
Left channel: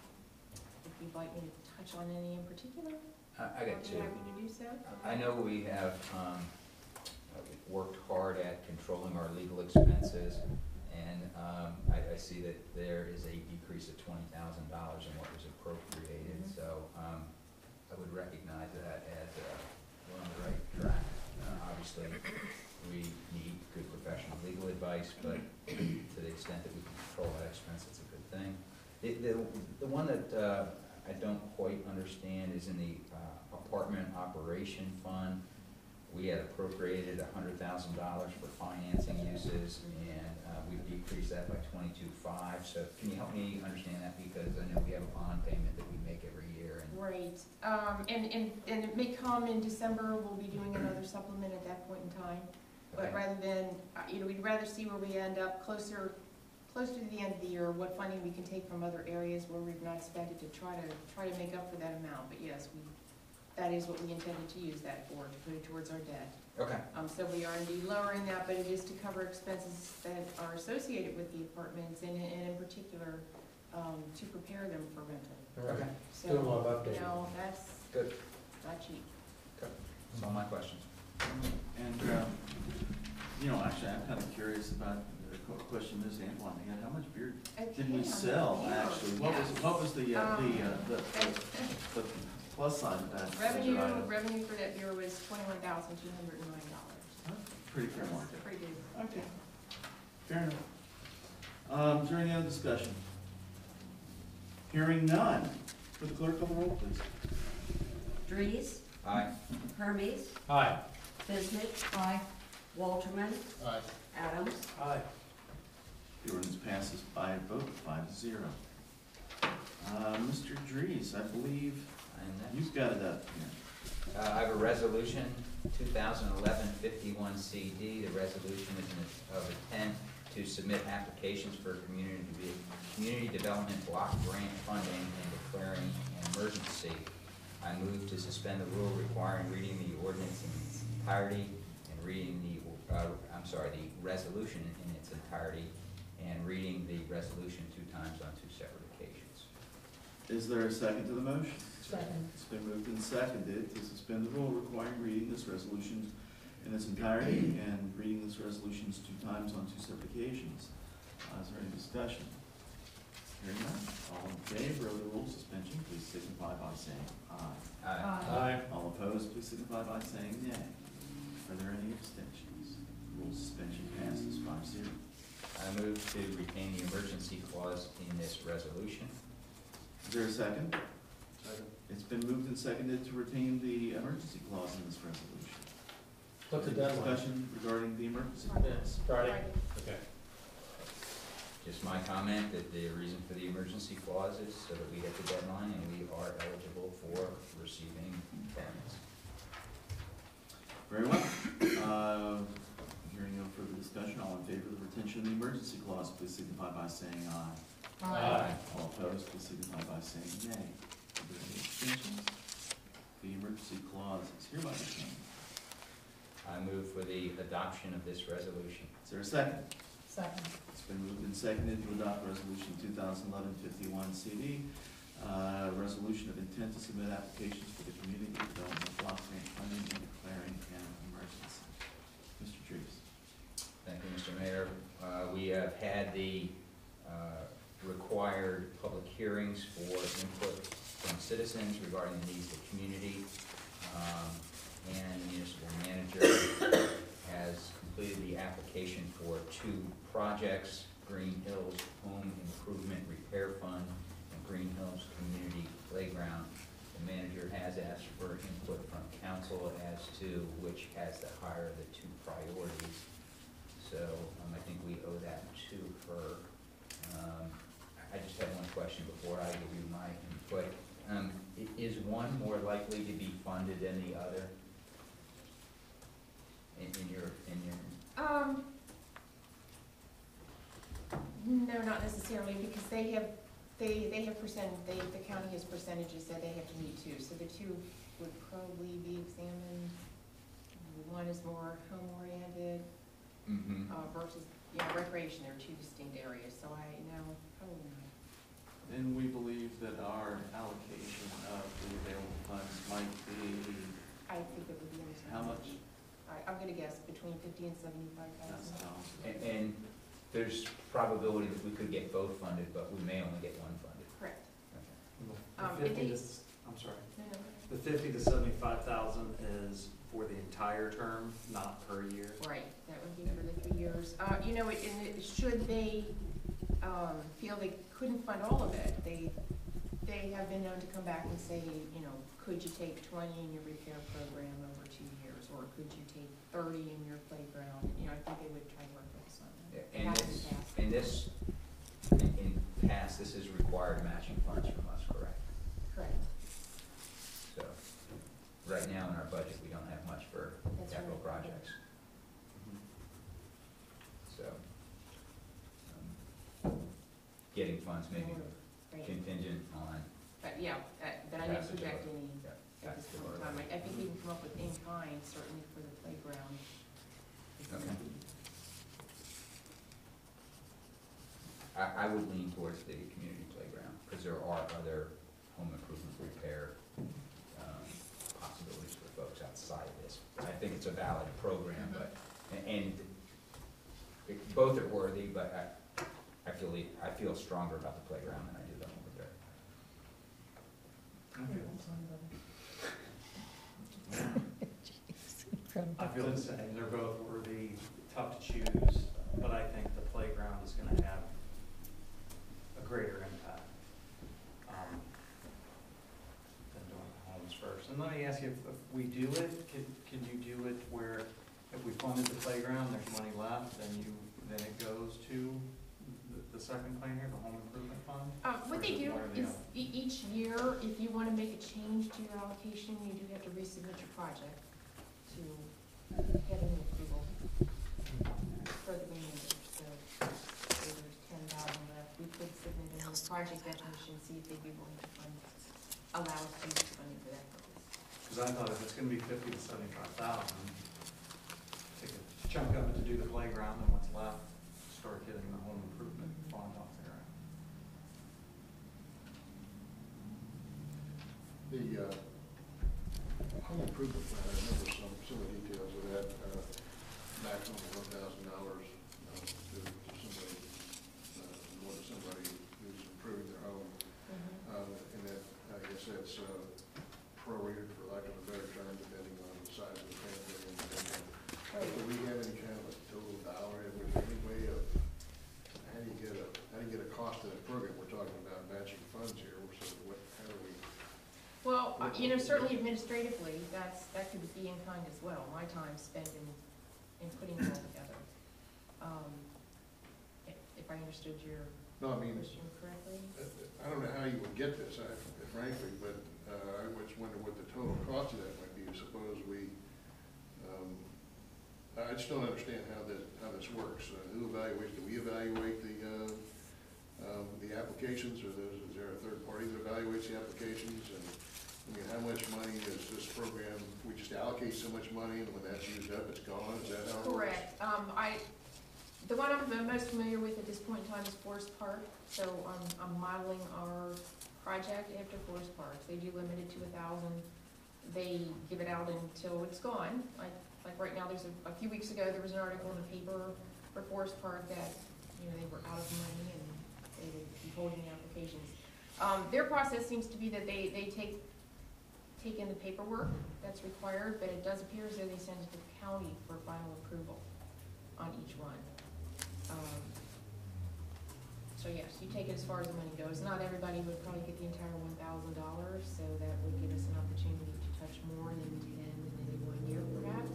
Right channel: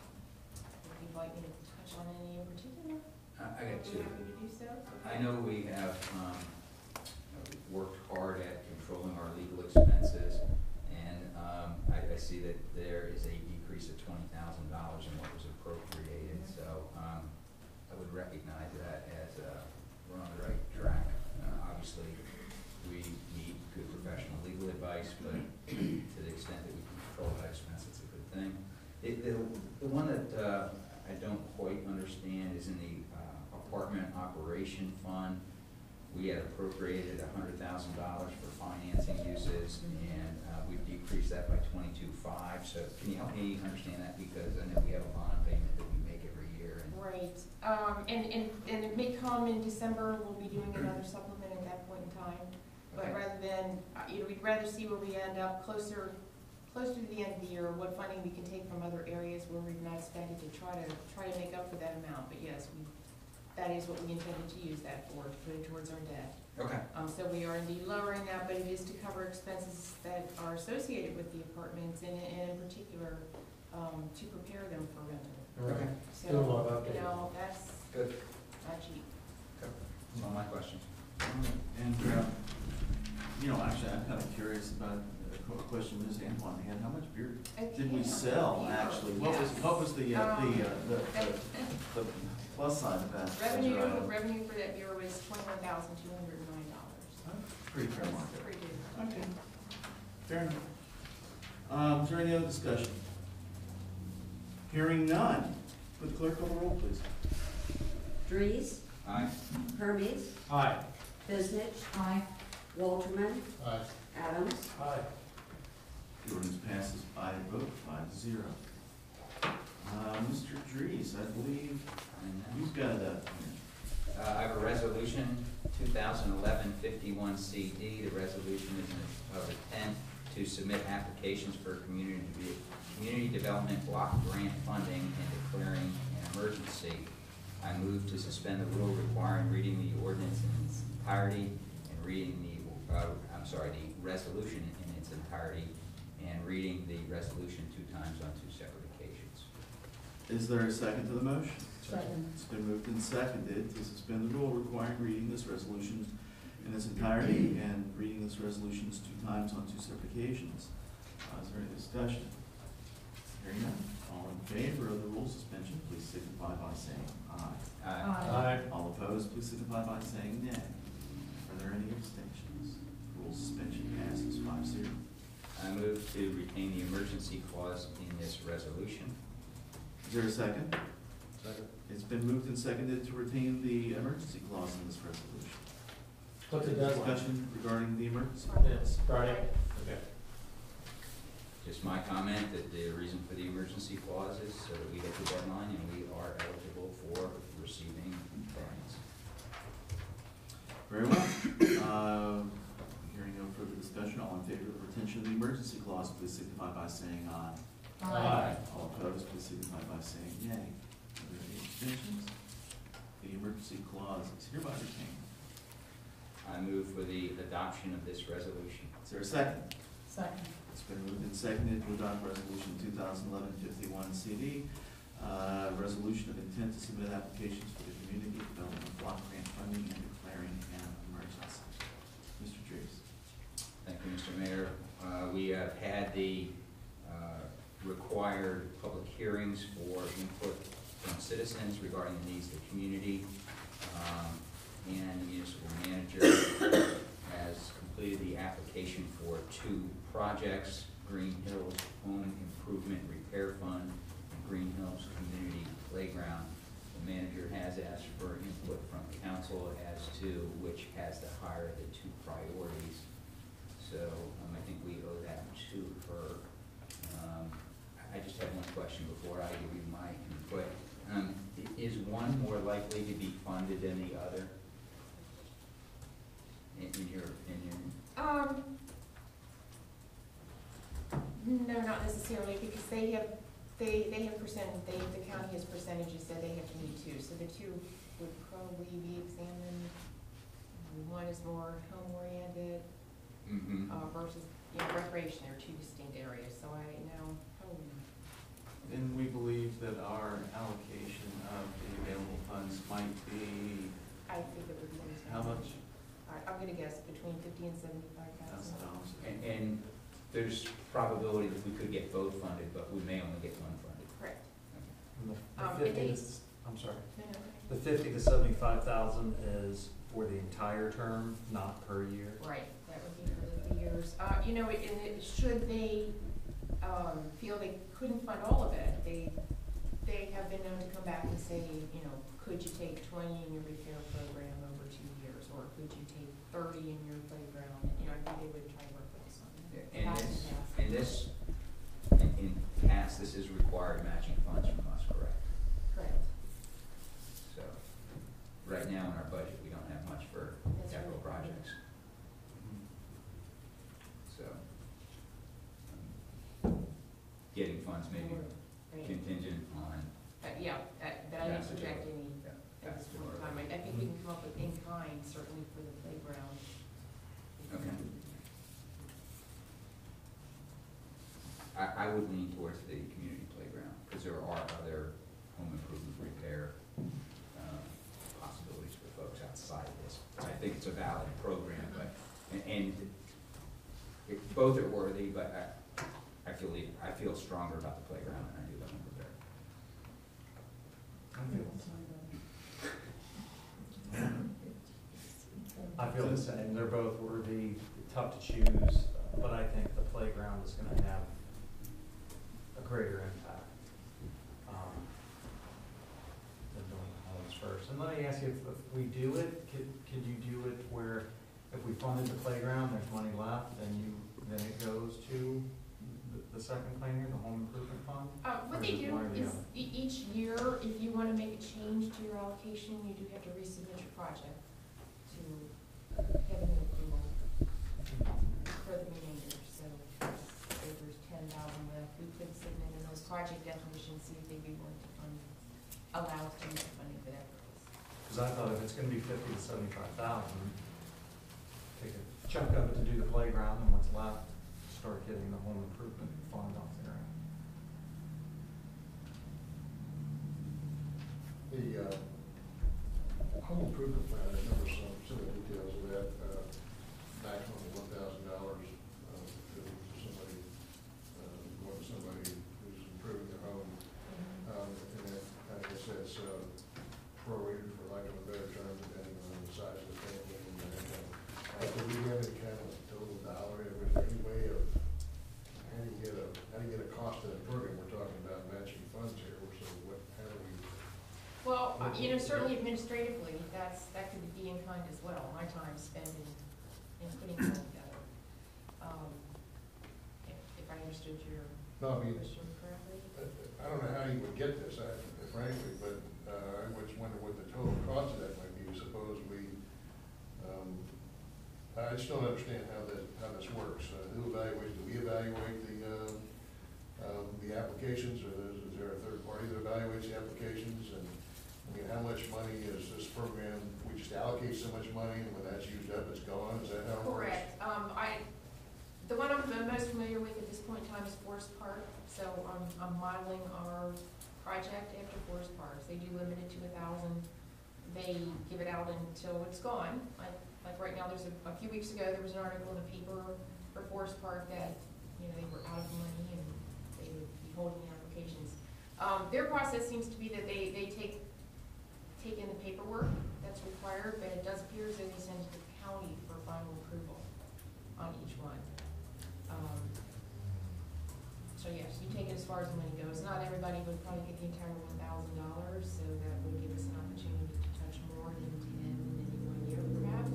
you'd like me to touch on any in particular, I got two. I'm happy to do so. I know we have worked hard at controlling our legal expenses, and I see that there is a decrease of $20,000 in what was appropriated, so I would recognize that as we're on the right track. Obviously, we need good professional legal advice, but to the extent that we can control that expense, it's a good thing. The one that I don't quite understand is in the apartment operation fund. We had appropriated $100,000 for financing uses, and we've decreased that by $22,500. So can you help me understand that? Because I know we have a bond payment that we make every year. Right, and it may come in December, we'll be doing another supplement at that point in time. But Okay. rather than, we'd rather see where we end up closer to the end of the year, what funding we can take from other areas where we've not spent it to try to make up for that amount. But yes, that is what we intended to use that for, to put it towards our debt. Okay. So we are indeed lowering that, but it is to cover expenses that are associated with the apartments, and in particular, to prepare them for rental. Okay. So, Doing a lot of updating. that's Good. not cheap. That's all my questions. And, actually, I'm kind of curious about the question Ms. Antoine had. How much beer did we sell, actually? What was the plus side of that? Revenue for that beer was $21,209. Pretty fair market. Pretty good. Okay. Fair enough. Is there any other discussion? Hearing none. Would the clerk call the roll, please? Dries, Aye. Hermes, Aye. Bisnick, Aye. Walterman, Aye. Adams. Aye. The ordinance passes by a vote of 5-0. Mr. Dries, I believe you've got it up here. I have a resolution, 2011-51 CD. The resolution is of intent to submit applications for community development block grant funding and declaring an emergency. I move to suspend the rule requiring reading the ordinance in its entirety and reading the resolution in its entirety and reading the resolution 2 times on 2 separate occasions. Is there a second to the motion? Second. It's been moved and seconded to suspend the rule requiring reading this resolution in its entirety and reading this resolution 2 times on 2 separate occasions. Is there any discussion? Hearing none. All in favor of the rule suspension, please signify by saying aye. Aye. All opposed, please signify by saying nay. Are there any abstentions? Rule suspension passes 5-0. I move to retain the emergency clause in this resolution. Is there a second? Second. It's been moved and seconded to retain the emergency clause in this resolution. What's the deadline? Discussion regarding the emergency Yeah, clause. it's Friday. Okay. Just my comment that the reason for the emergency clause is so that we hit the deadline and we are eligible for receiving payments. emergency clause, please signify by saying aye. All opposed, please signify by saying nay. Are there any abstentions? The emergency clause is hereby retained. I move for the adoption of this resolution. Is there a second? Second. It's been moved and seconded to adopt resolution 2011-51 CD, resolution of intent to submit applications for the community development block grant funding and declaring an emergency. Mr. Trees. Thank you, Mr. Mayor. We have had the required public hearings for input from citizens regarding the needs of the community. And the municipal manager has completed the application for 2 projects, Greenhills Home Improvement Repair Fund and Greenhills Community Playground. The manager has asked for input from council as to which has the higher of the 2 priorities. So I think we owe that to her. I just have one question before I give you my input. Is one more likely to be funded than the other? In your opinion? No, not necessarily, because they have the county has percentages that they have to meet too, so the 2 would probably be examined. One is more home-oriented, Mm-hmm. versus, recreation, they're 2 distinct areas, so I know, Then we believe that our allocation of the available funds might be, I think it would be in this. how much? All right, I'm gonna guess between 50 and 75,000. And there's probability that we could get both funded, but we may only get one funded. Correct. Okay. The 50 it to, I'm sorry, No, no, the 50 to 75,000 is for the entire term, not per year? right, that would be for the 3 years. Should they, feel they couldn't fund all of it, they have been known to come back and say, could you take 20 in your repair program over 2 years, or could you take 30 in your playground? I think they would try to work with us on that. In past, this has required matching funds from us, correct? Correct. So, right now in our budget, we don't have much for That's capital right. projects. So, getting funds may be Right. contingent on, But I didn't project any at this point in time. I think we can come up with in kind, certainly for the playground. okay. I would lean towards the community playground, because there are other home improvement repair possibilities for folks outside of this. I think it's a valid program, but, both are worthy, but I feel stronger about the playground than I do the home repair. I feel the same, they're both worthy, tough to choose, but I think the playground is gonna have a greater impact than doing the homes first. And let me ask you, if we do it, could you do it where if we funded the playground, there's money left, then it goes to the second plan here, the home improvement fund? What Or they is it do one or the is, other? each year, if you want to make a change to your allocation, you do have to resubmit your project to get a new approval for the remainder. So if there's 10,000 left, we could submit a new project definition, see if they'd be willing to allow us to use funding for that purpose. Because I thought if it's gonna be 50 to 75,000, take a chunk of it to do the playground, and what's left, start getting the home improvement fund off there. The home improvement plan, I remember some of the details of that, maximum of $1,000 to somebody who's improving their home. And that, I guess that's prorated, for lack of a better term, depending on the size of the family and the income. But do we have any kind of a total dollar, and was there any way of, how do you get a cost to that program? We're talking about matching funds here, so how do we? Well, certainly administratively, that could be in kind as well, my time spent in putting it all together. If I understood your No, I mean, question correctly. I don't know how you would get this, frankly, but I was wondering what the total cost of that might be. Suppose we I just don't understand how this works. Who evaluates, do we evaluate the applications, or is there a third party that evaluates the applications? And, I mean, how much money is this program, we just allocate so much money, and when that's used up, it's gone, is that how it works? Correct. The one I'm the most familiar with at this point in time is Forest Park, so I'm modeling our project after Forest Park. They do limit it to 1,000. They give it out until it's gone. Like right now, there's a few weeks ago, there was an article in the paper for Forest Park that, you know, they were out of money and they would be holding applications. Their process seems to be that they take in the paperwork that's required, but it does appear as though they send it to the county for final approval on each one. So yes, you take it as far as the money goes. Not everybody would probably get the entire $1,000, so that would give us an opportunity to touch more than 10 in any 1 year, perhaps.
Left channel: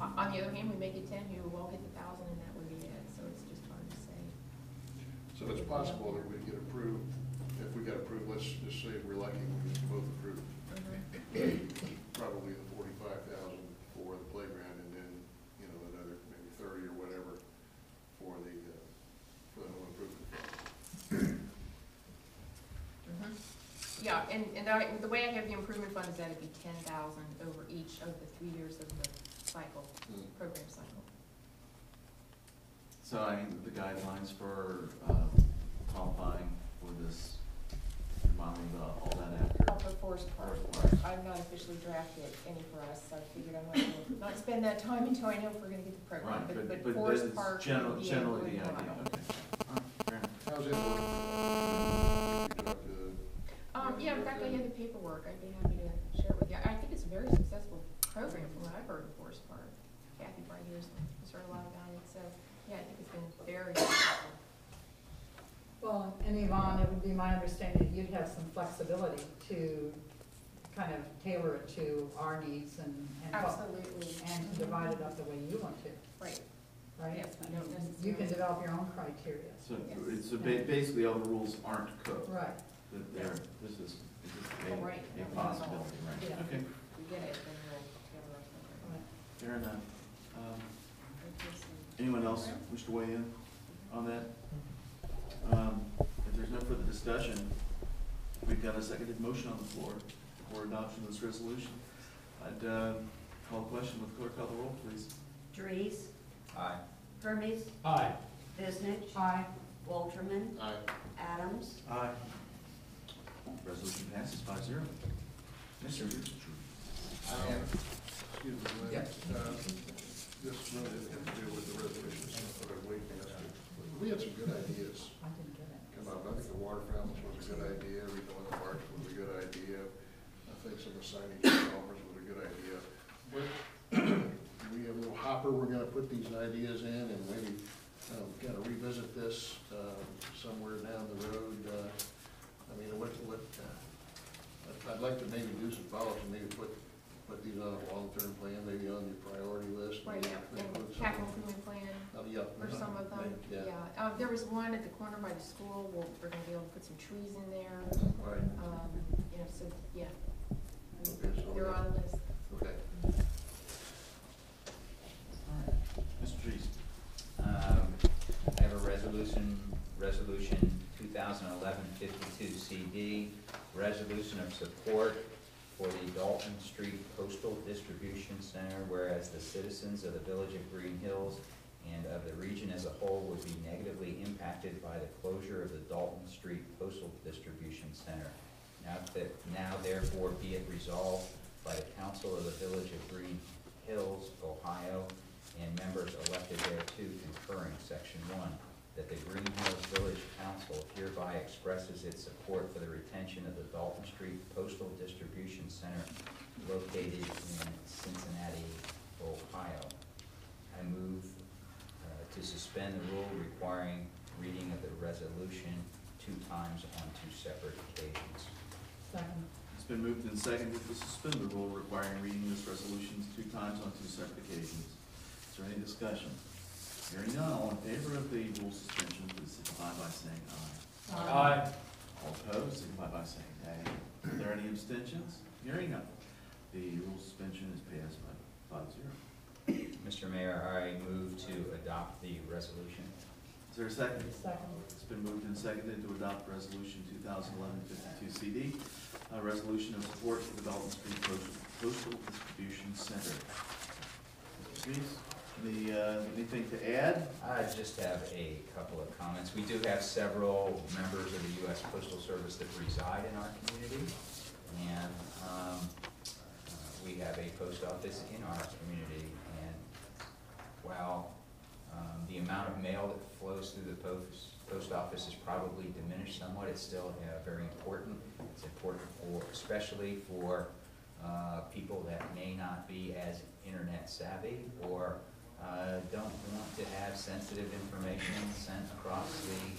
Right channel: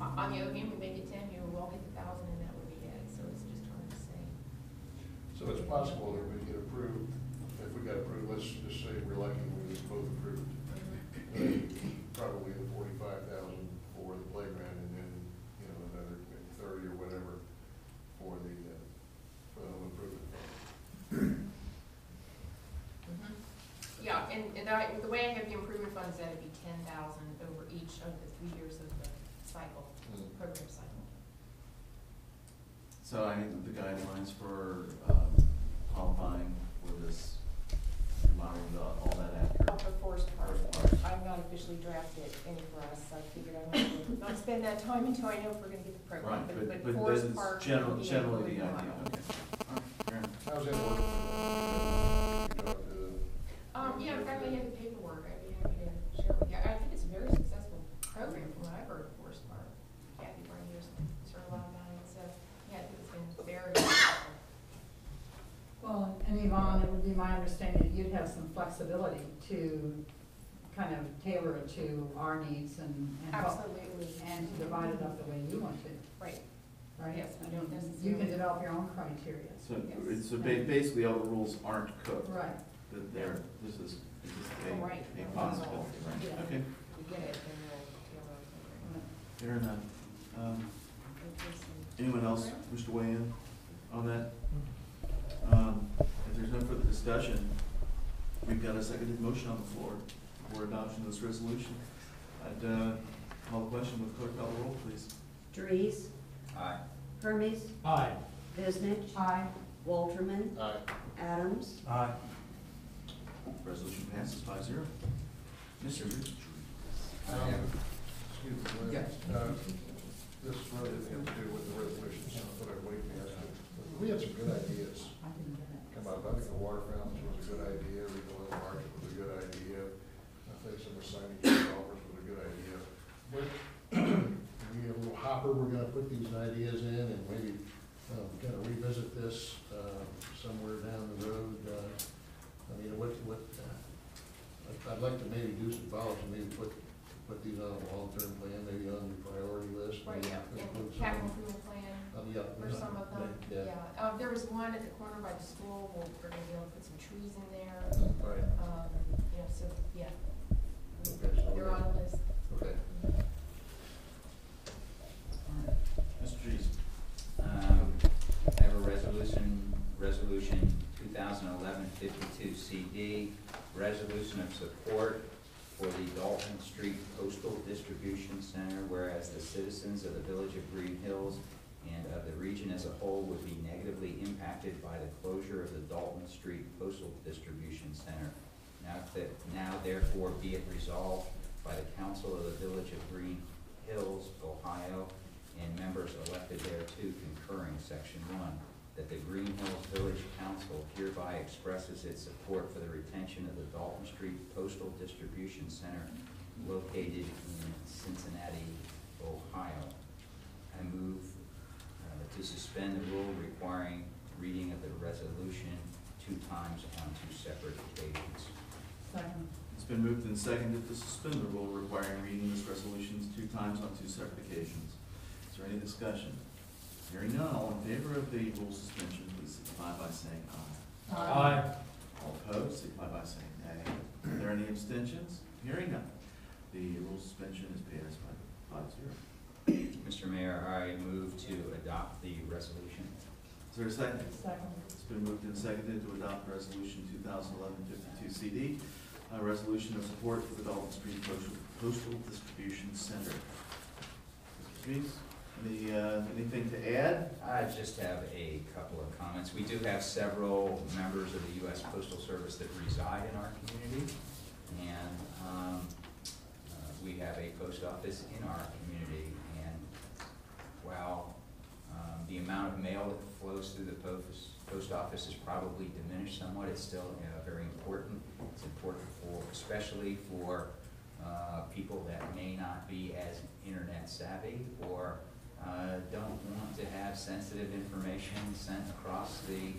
On the other hand, we make it 10, you will get the 1,000, and that would be it. So it's just hard to say. So it's possible that we get approved, if we got approved, let's just say we're lucky, we was both approved. Probably the 45,000 for the playground, and then, you know, another maybe 30 or whatever for the home improvement fund. Yeah, and the way I have the improvement fund is that it'd be 10,000 over each of the 3 years of the cycle, program cycle. So, I mean, the guidelines for qualifying for this, modeling all that after. Oh, for Forest Park. I've not officially drafted any for us, so I figured I might not spend that time until I know if we're gonna get the program. Right, But but Forest it's Park. generally the would be idea, a model. okay. All right, fair enough. How's that work? You talk to Yeah, in fact, I have the paperwork, I'd be happy to share with you. I think it's a very successful program from what I've heard of Forest Park. Kathy right here's heard a lot about it, so, yeah, I think it's been very successful. Well, and Yvonne, it would be my understanding that you'd have some flexibility to kind of tailor it to our needs and Absolutely. and to divide it up the way you want to, Right, right? yes, we don't necessarily. You can develop your own criteria. So, Yes. basically, all the rules aren't cooked. Right. That they're, this is Oh, right. a possibility, right? Yeah. Okay, If we get it, then we'll tailor our program. fair enough. Okay, so- Anyone else wish to weigh in on that? If there's no further discussion, we've got a seconded motion on the floor for adoption of this resolution. I'd call the question with clerk call the roll, please. Dries, Aye. Hermes, Aye. Visnich, Aye. Walterman, Aye. Adams, Aye. Resolution passes 5-0. Mr. Dries. Excuse me. Yeah. This really doesn't have to do with the resolutions, but I'm waiting to ask you. We had some good ideas I didn't get it. come up. I think the water fountains was a good idea, Regional Market was a good idea. I think some of the signage offers was a good idea. But we have a little hopper, we're gonna put these ideas in and maybe kind of revisit this somewhere down the road. I mean, I'd like to maybe do some follow-ups and maybe put these on a long-term plan, maybe on your priority list. Right, maybe yeah, include and some- capital improvement plan Yeah. for some of them, Yeah. yeah. There was one at the corner by the school, we're gonna be able to put some trees in there, Right, you know, so, yeah. okay, so. They're on the list. Okay. Mr. Dries. I have a resolution 2011-52 CD, resolution of support for the Dalton Street Postal Distribution Center, whereas the citizens of the village of Greenhills and of the region as a whole would be negatively impacted by the closure of the Dalton Street Postal Distribution Center. Now therefore be it resolved by the council of the village of Greenhills, Ohio, and members elected thereto concurring, section 1, that the Greenhills Village Council hereby expresses its support for the retention of the Dalton Street Postal Distribution Center located in Cincinnati, Ohio. I move to suspend the rule requiring reading of the resolution 2 times on 2 separate occasions. Second. It's been moved and seconded to suspend the rule requiring reading this resolution 2 times on 2 separate occasions. Is there any discussion? Hearing none, all in favor of the rule suspension, please signify by saying aye. Aye. All opposed, signify by saying nay. Are there any abstentions? Hearing none, the rule suspension is passed by 5-0. Mr. Mayor, I move to adopt the resolution. Is there a second? Second. It's been moved and seconded to adopt resolution 2011-52 CD, a resolution of support for the Dalton Street Postal Distribution Center. Mr. Streets, anything to add? I just have a couple of comments. We do have several members of the U.S. Postal Service that reside in our community, and we have a post office in our community, and while the amount of mail that flows through the post office is probably diminished somewhat, it's still very important. It's important especially for people that may not be as internet savvy or don't want to have sensitive information sent across the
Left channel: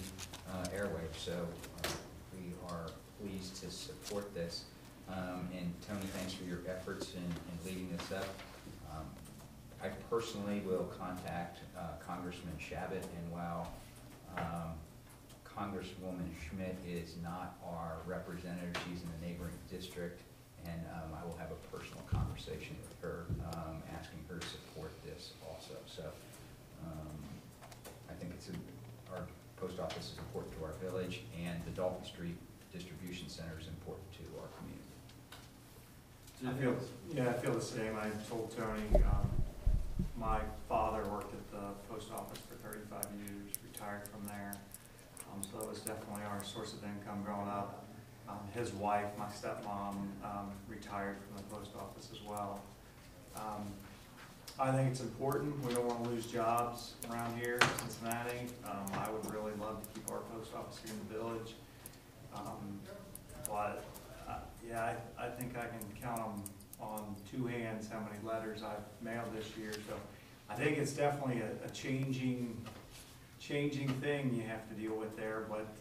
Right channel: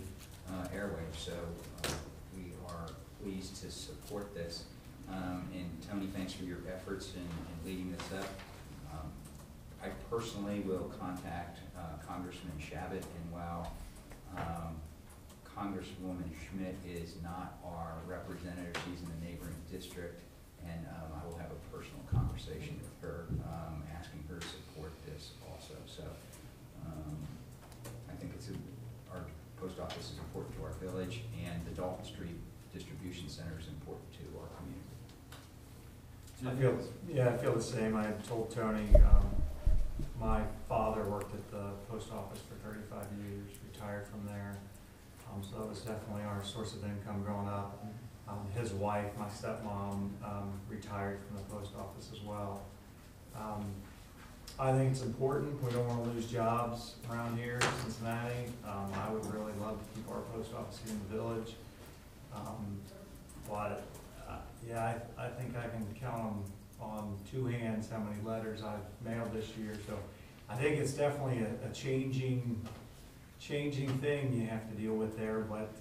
airwaves. So we are pleased to support this. And Tony, thanks for your efforts in leading this up. I personally will contact Congressman Shabbat, and while Congresswoman Schmidt is not our representative, she's in the neighboring district, and I will have a personal conversation with her, asking her to support this also. So I think our post office is important to our village, and the Dalton Street Distribution Center is important to our community. I feel the same. I told Tony, my father worked at the post office for 35 years, retired from there. So that was definitely our source of income growing up. His wife, my stepmom, retired from the post office as well. I think it's important. We don't want to lose jobs around here in Cincinnati. I would really love to keep our post office here in the village. But yeah, I think I can count on two hands how many letters I've mailed this year. So I think it's definitely a changing thing you have to deal with there. But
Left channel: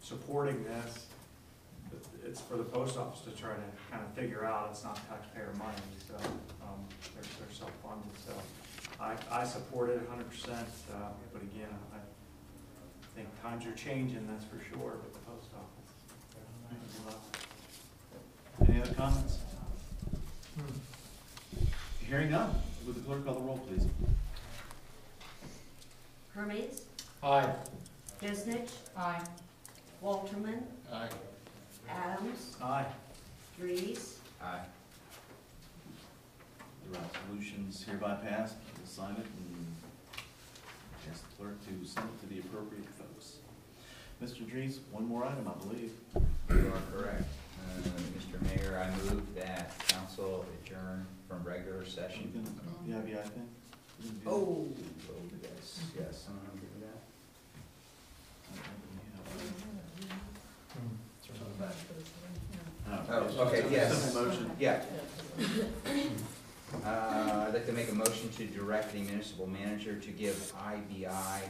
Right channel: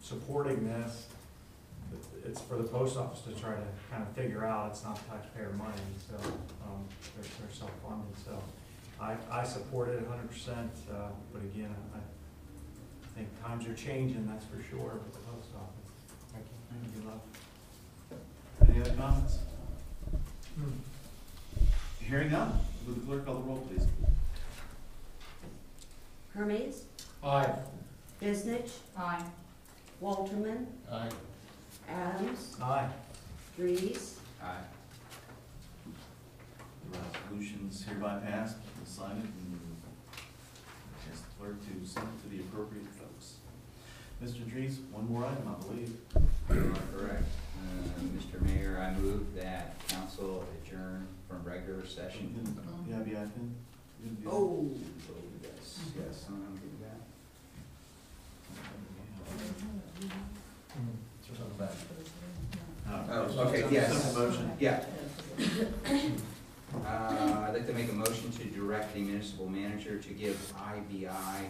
supporting this, it's for the post office to try to kind of figure out. It's not taxpayer money, so they're self-funded. So I support it 100%. But again, I think times are changing. That's for sure with the post office. Good luck. Any other comments? Hearing none, would the clerk call the roll, please? Hermes, Aye. Bisnich, Aye. Walterman, Aye. Adams, Aye. Dries, Aye. The resolution's hereby passed. We'll sign it and ask the clerk to send it to the appropriate folks. Mr. Dries, one more item, I believe. You are correct. Mr. Mayor, I move that council adjourn from regular session. The IBI thing? We didn't do that. Oh, yes, I'm gonna do that. Oh, okay, yes. Simple motion. Yeah. I'd like to make a motion to direct the municipal manager to give IBI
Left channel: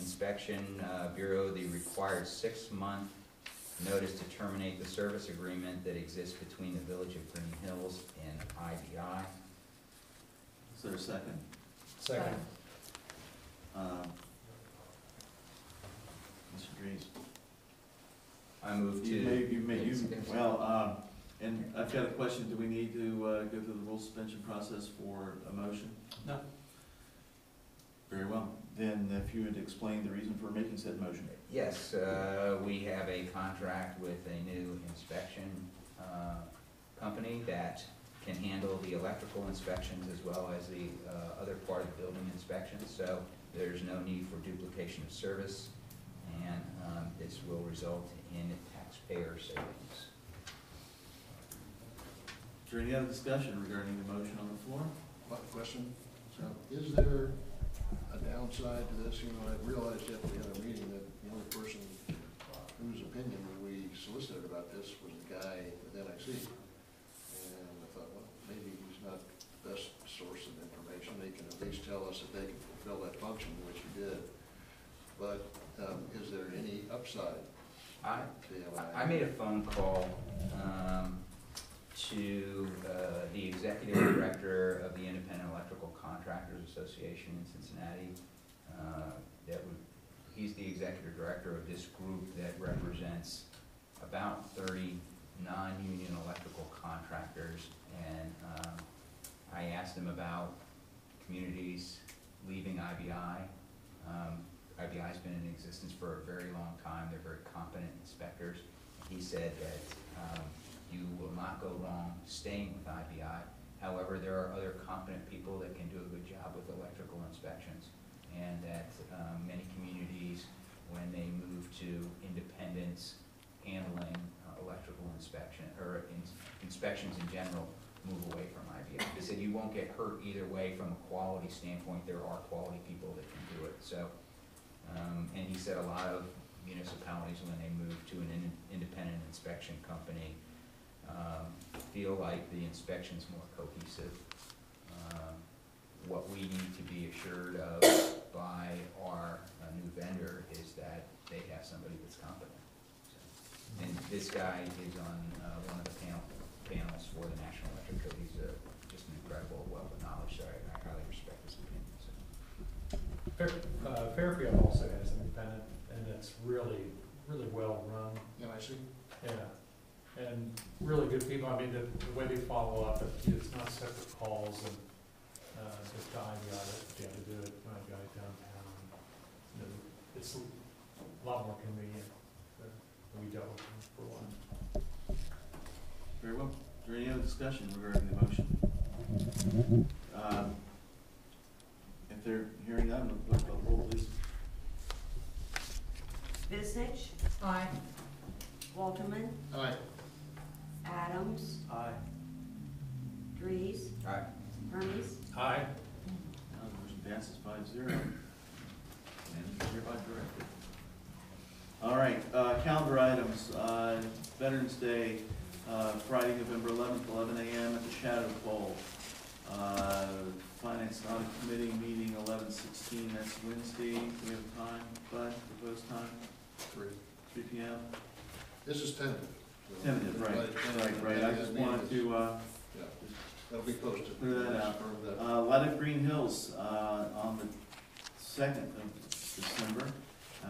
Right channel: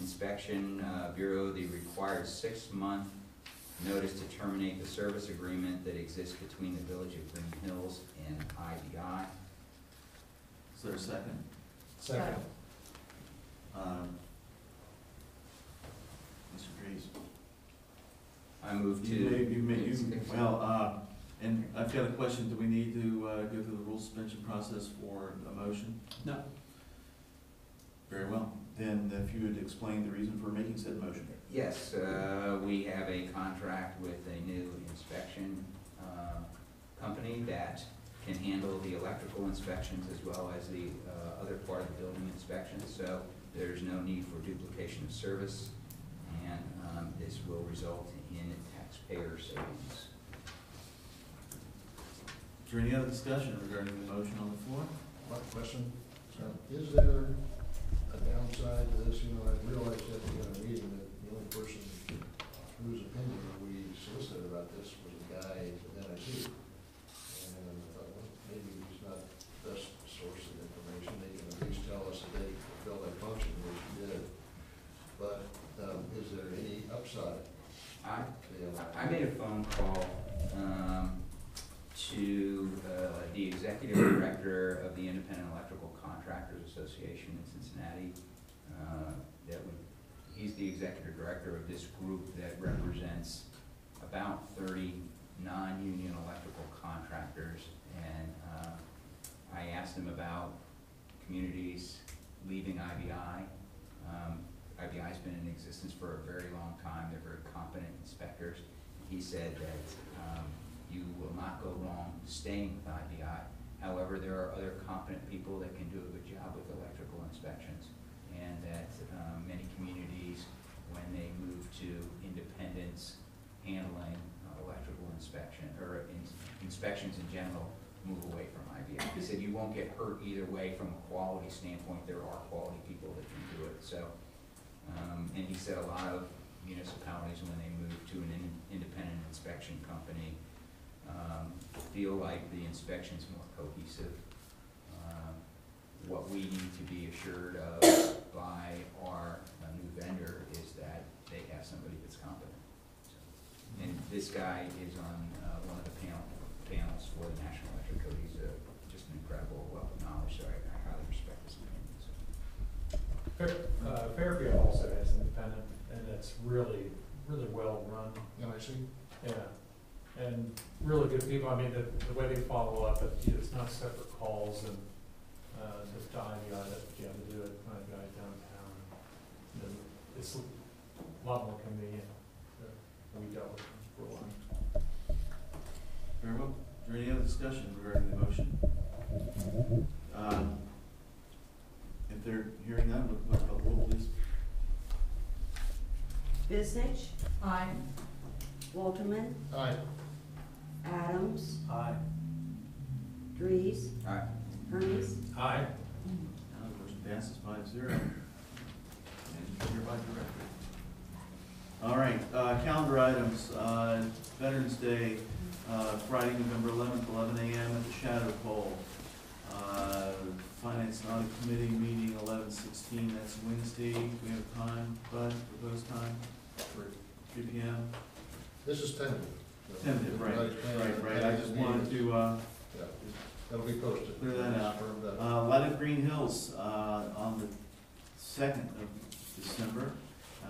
Inspection Bureau the required 6-month notice to terminate the service agreement that exists between the Village of Greenhills and IBI. Is there a second? Second. Mr. Dries? I move to. And I've got a question. Do we need to go through the rule suspension process for a motion? No. Very well. Then if you would explain the reason for making said motion. Yes, we have a contract with a new inspection company that can handle the electrical inspections as well as the other part of the building inspections. So there's no need for duplication of service, and this will result in taxpayer savings. Is there any other discussion regarding the motion on the floor? One question, is there a downside to this? You know, I realized at the other meeting that the only person whose opinion we solicited about this was a guy with NIC. And I thought, well, maybe he's not the best source of information. They can at least tell us that they can fulfill that function, which he did. But is there any upside to the LI? I made a phone call to the executive director of the Independent Electrical Contractors Association in Cincinnati. He's the executive director of this group that represents about 30 non-union electrical contractors, and I asked him about communities leaving IBI. IBI's been in existence for a very long time. They're very competent inspectors. He said that you will not go wrong staying with IBI. However, there are other competent people that can do a good job with electrical inspections, and that many communities, when they move to independence handling electrical inspection, or inspections in general, move away from IBI. He said you won't get hurt either way from a quality standpoint. There are quality people that can do it. So, and he said a lot of municipalities, when they move to an independent inspection company, feel like the inspection's more cohesive. What we need to be assured of by our new vendor is that they have somebody that's competent. So, and this guy is on one of the panels for the National Electric Code. He's just an incredible wealth of knowledge, so I highly respect his opinion. So. Fairfield also has independent, and it's really, really well run. And I see. Yeah, and really good people. I mean, the way they follow up, it's not separate calls, and just to IBI that you have to do it, IBI downtown. You know, it's a lot more convenient. We dealt with them for a while. Very well. Is there any other discussion regarding the motion? If they're hearing none, we'll call the roll, please. Bisnich, Aye. Walterman, Aye. Adams, Aye. Dries, All right. Hermes. Aye. Now the motion passes 5-0, and is hereby directed. All right, calendar items, Veterans Day, Friday, November 11th, 11 a.m. at the Shadow Pole. Finance and Audit Committee meeting 11/16, that's Wednesday. We have time, Bud, proposed time? 3 p.m. This is tentative. Tentative, right. I just wanted to, Yeah, that'll be posted. Clear that out. Confirm that. Light of Greenhills, on the 2nd of December.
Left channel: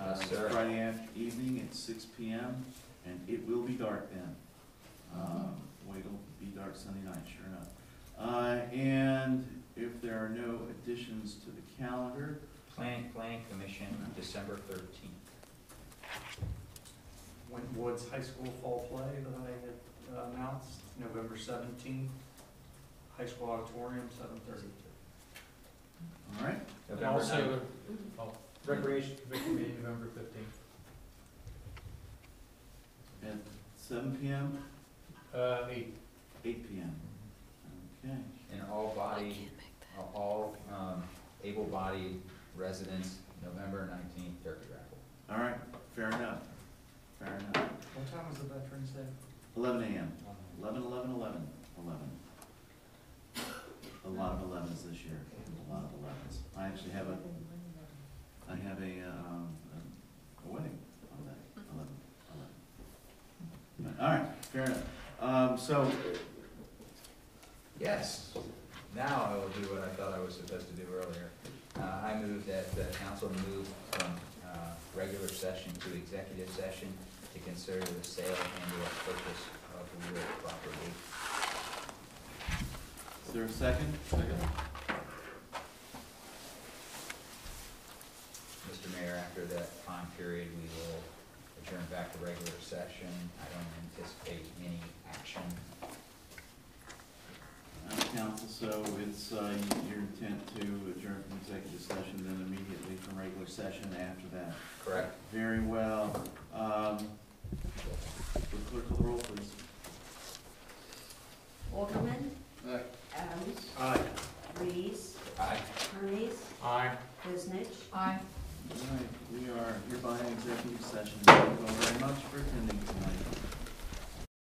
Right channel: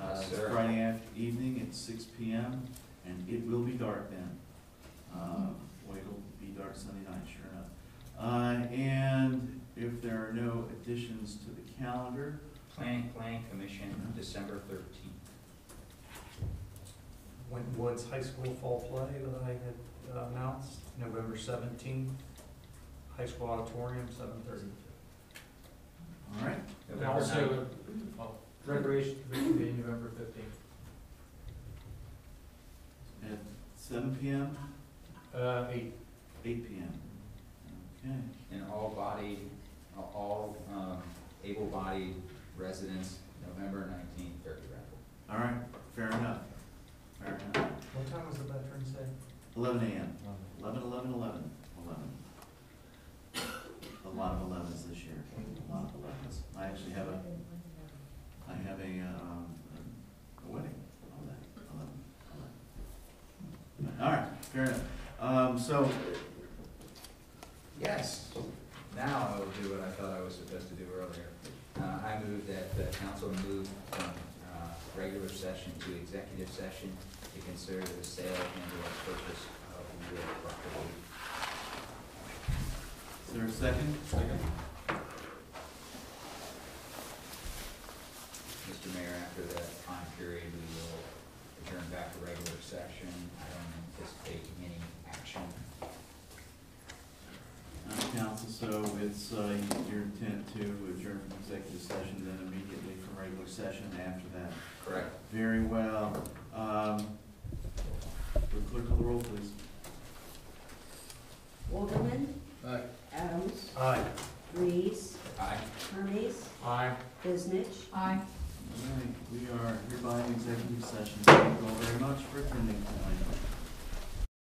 Yes, sir. Friday evening at 6 p.m. and it will be dark then. Wait, it'll be dark Sunday night, sure enough. And if there are no additions to the calendar, Planning Commission, December 13th. Woods High School Fall Play that I had announced, November 17th, High School Auditorium, 7:30. all right? And November also, Recreation Commission meeting November 15th. At 7 p.m., 8. 8 p.m. Okay. And all able-bodied residents, November 19th, turkey raffle. All right, fair enough. Fair enough. What time was the Veterans Day? 11 a.m. 11. A lot of 11s this year. A lot of 11s. I actually have a wedding on that. 11. All right, fair enough. So, Yes. Now I will do what I thought I was supposed to do earlier. I move that the council move from regular session to executive session to consider the sale and/or purchase of real property. is there a second? Second. Mr. Mayor, after that time period, we will adjourn back to regular session. I don't anticipate any action. Council, so it's your intent to adjourn from executive session, then immediately from regular session after that. Correct. Very well. Clerk, call the roll, please. Walterman, Aye. Adams, Aye. Dries, Aye. Hermes, Aye. Bisnich. Aye. All right, we are hereby in executive session. Thank you all very much for attending tonight.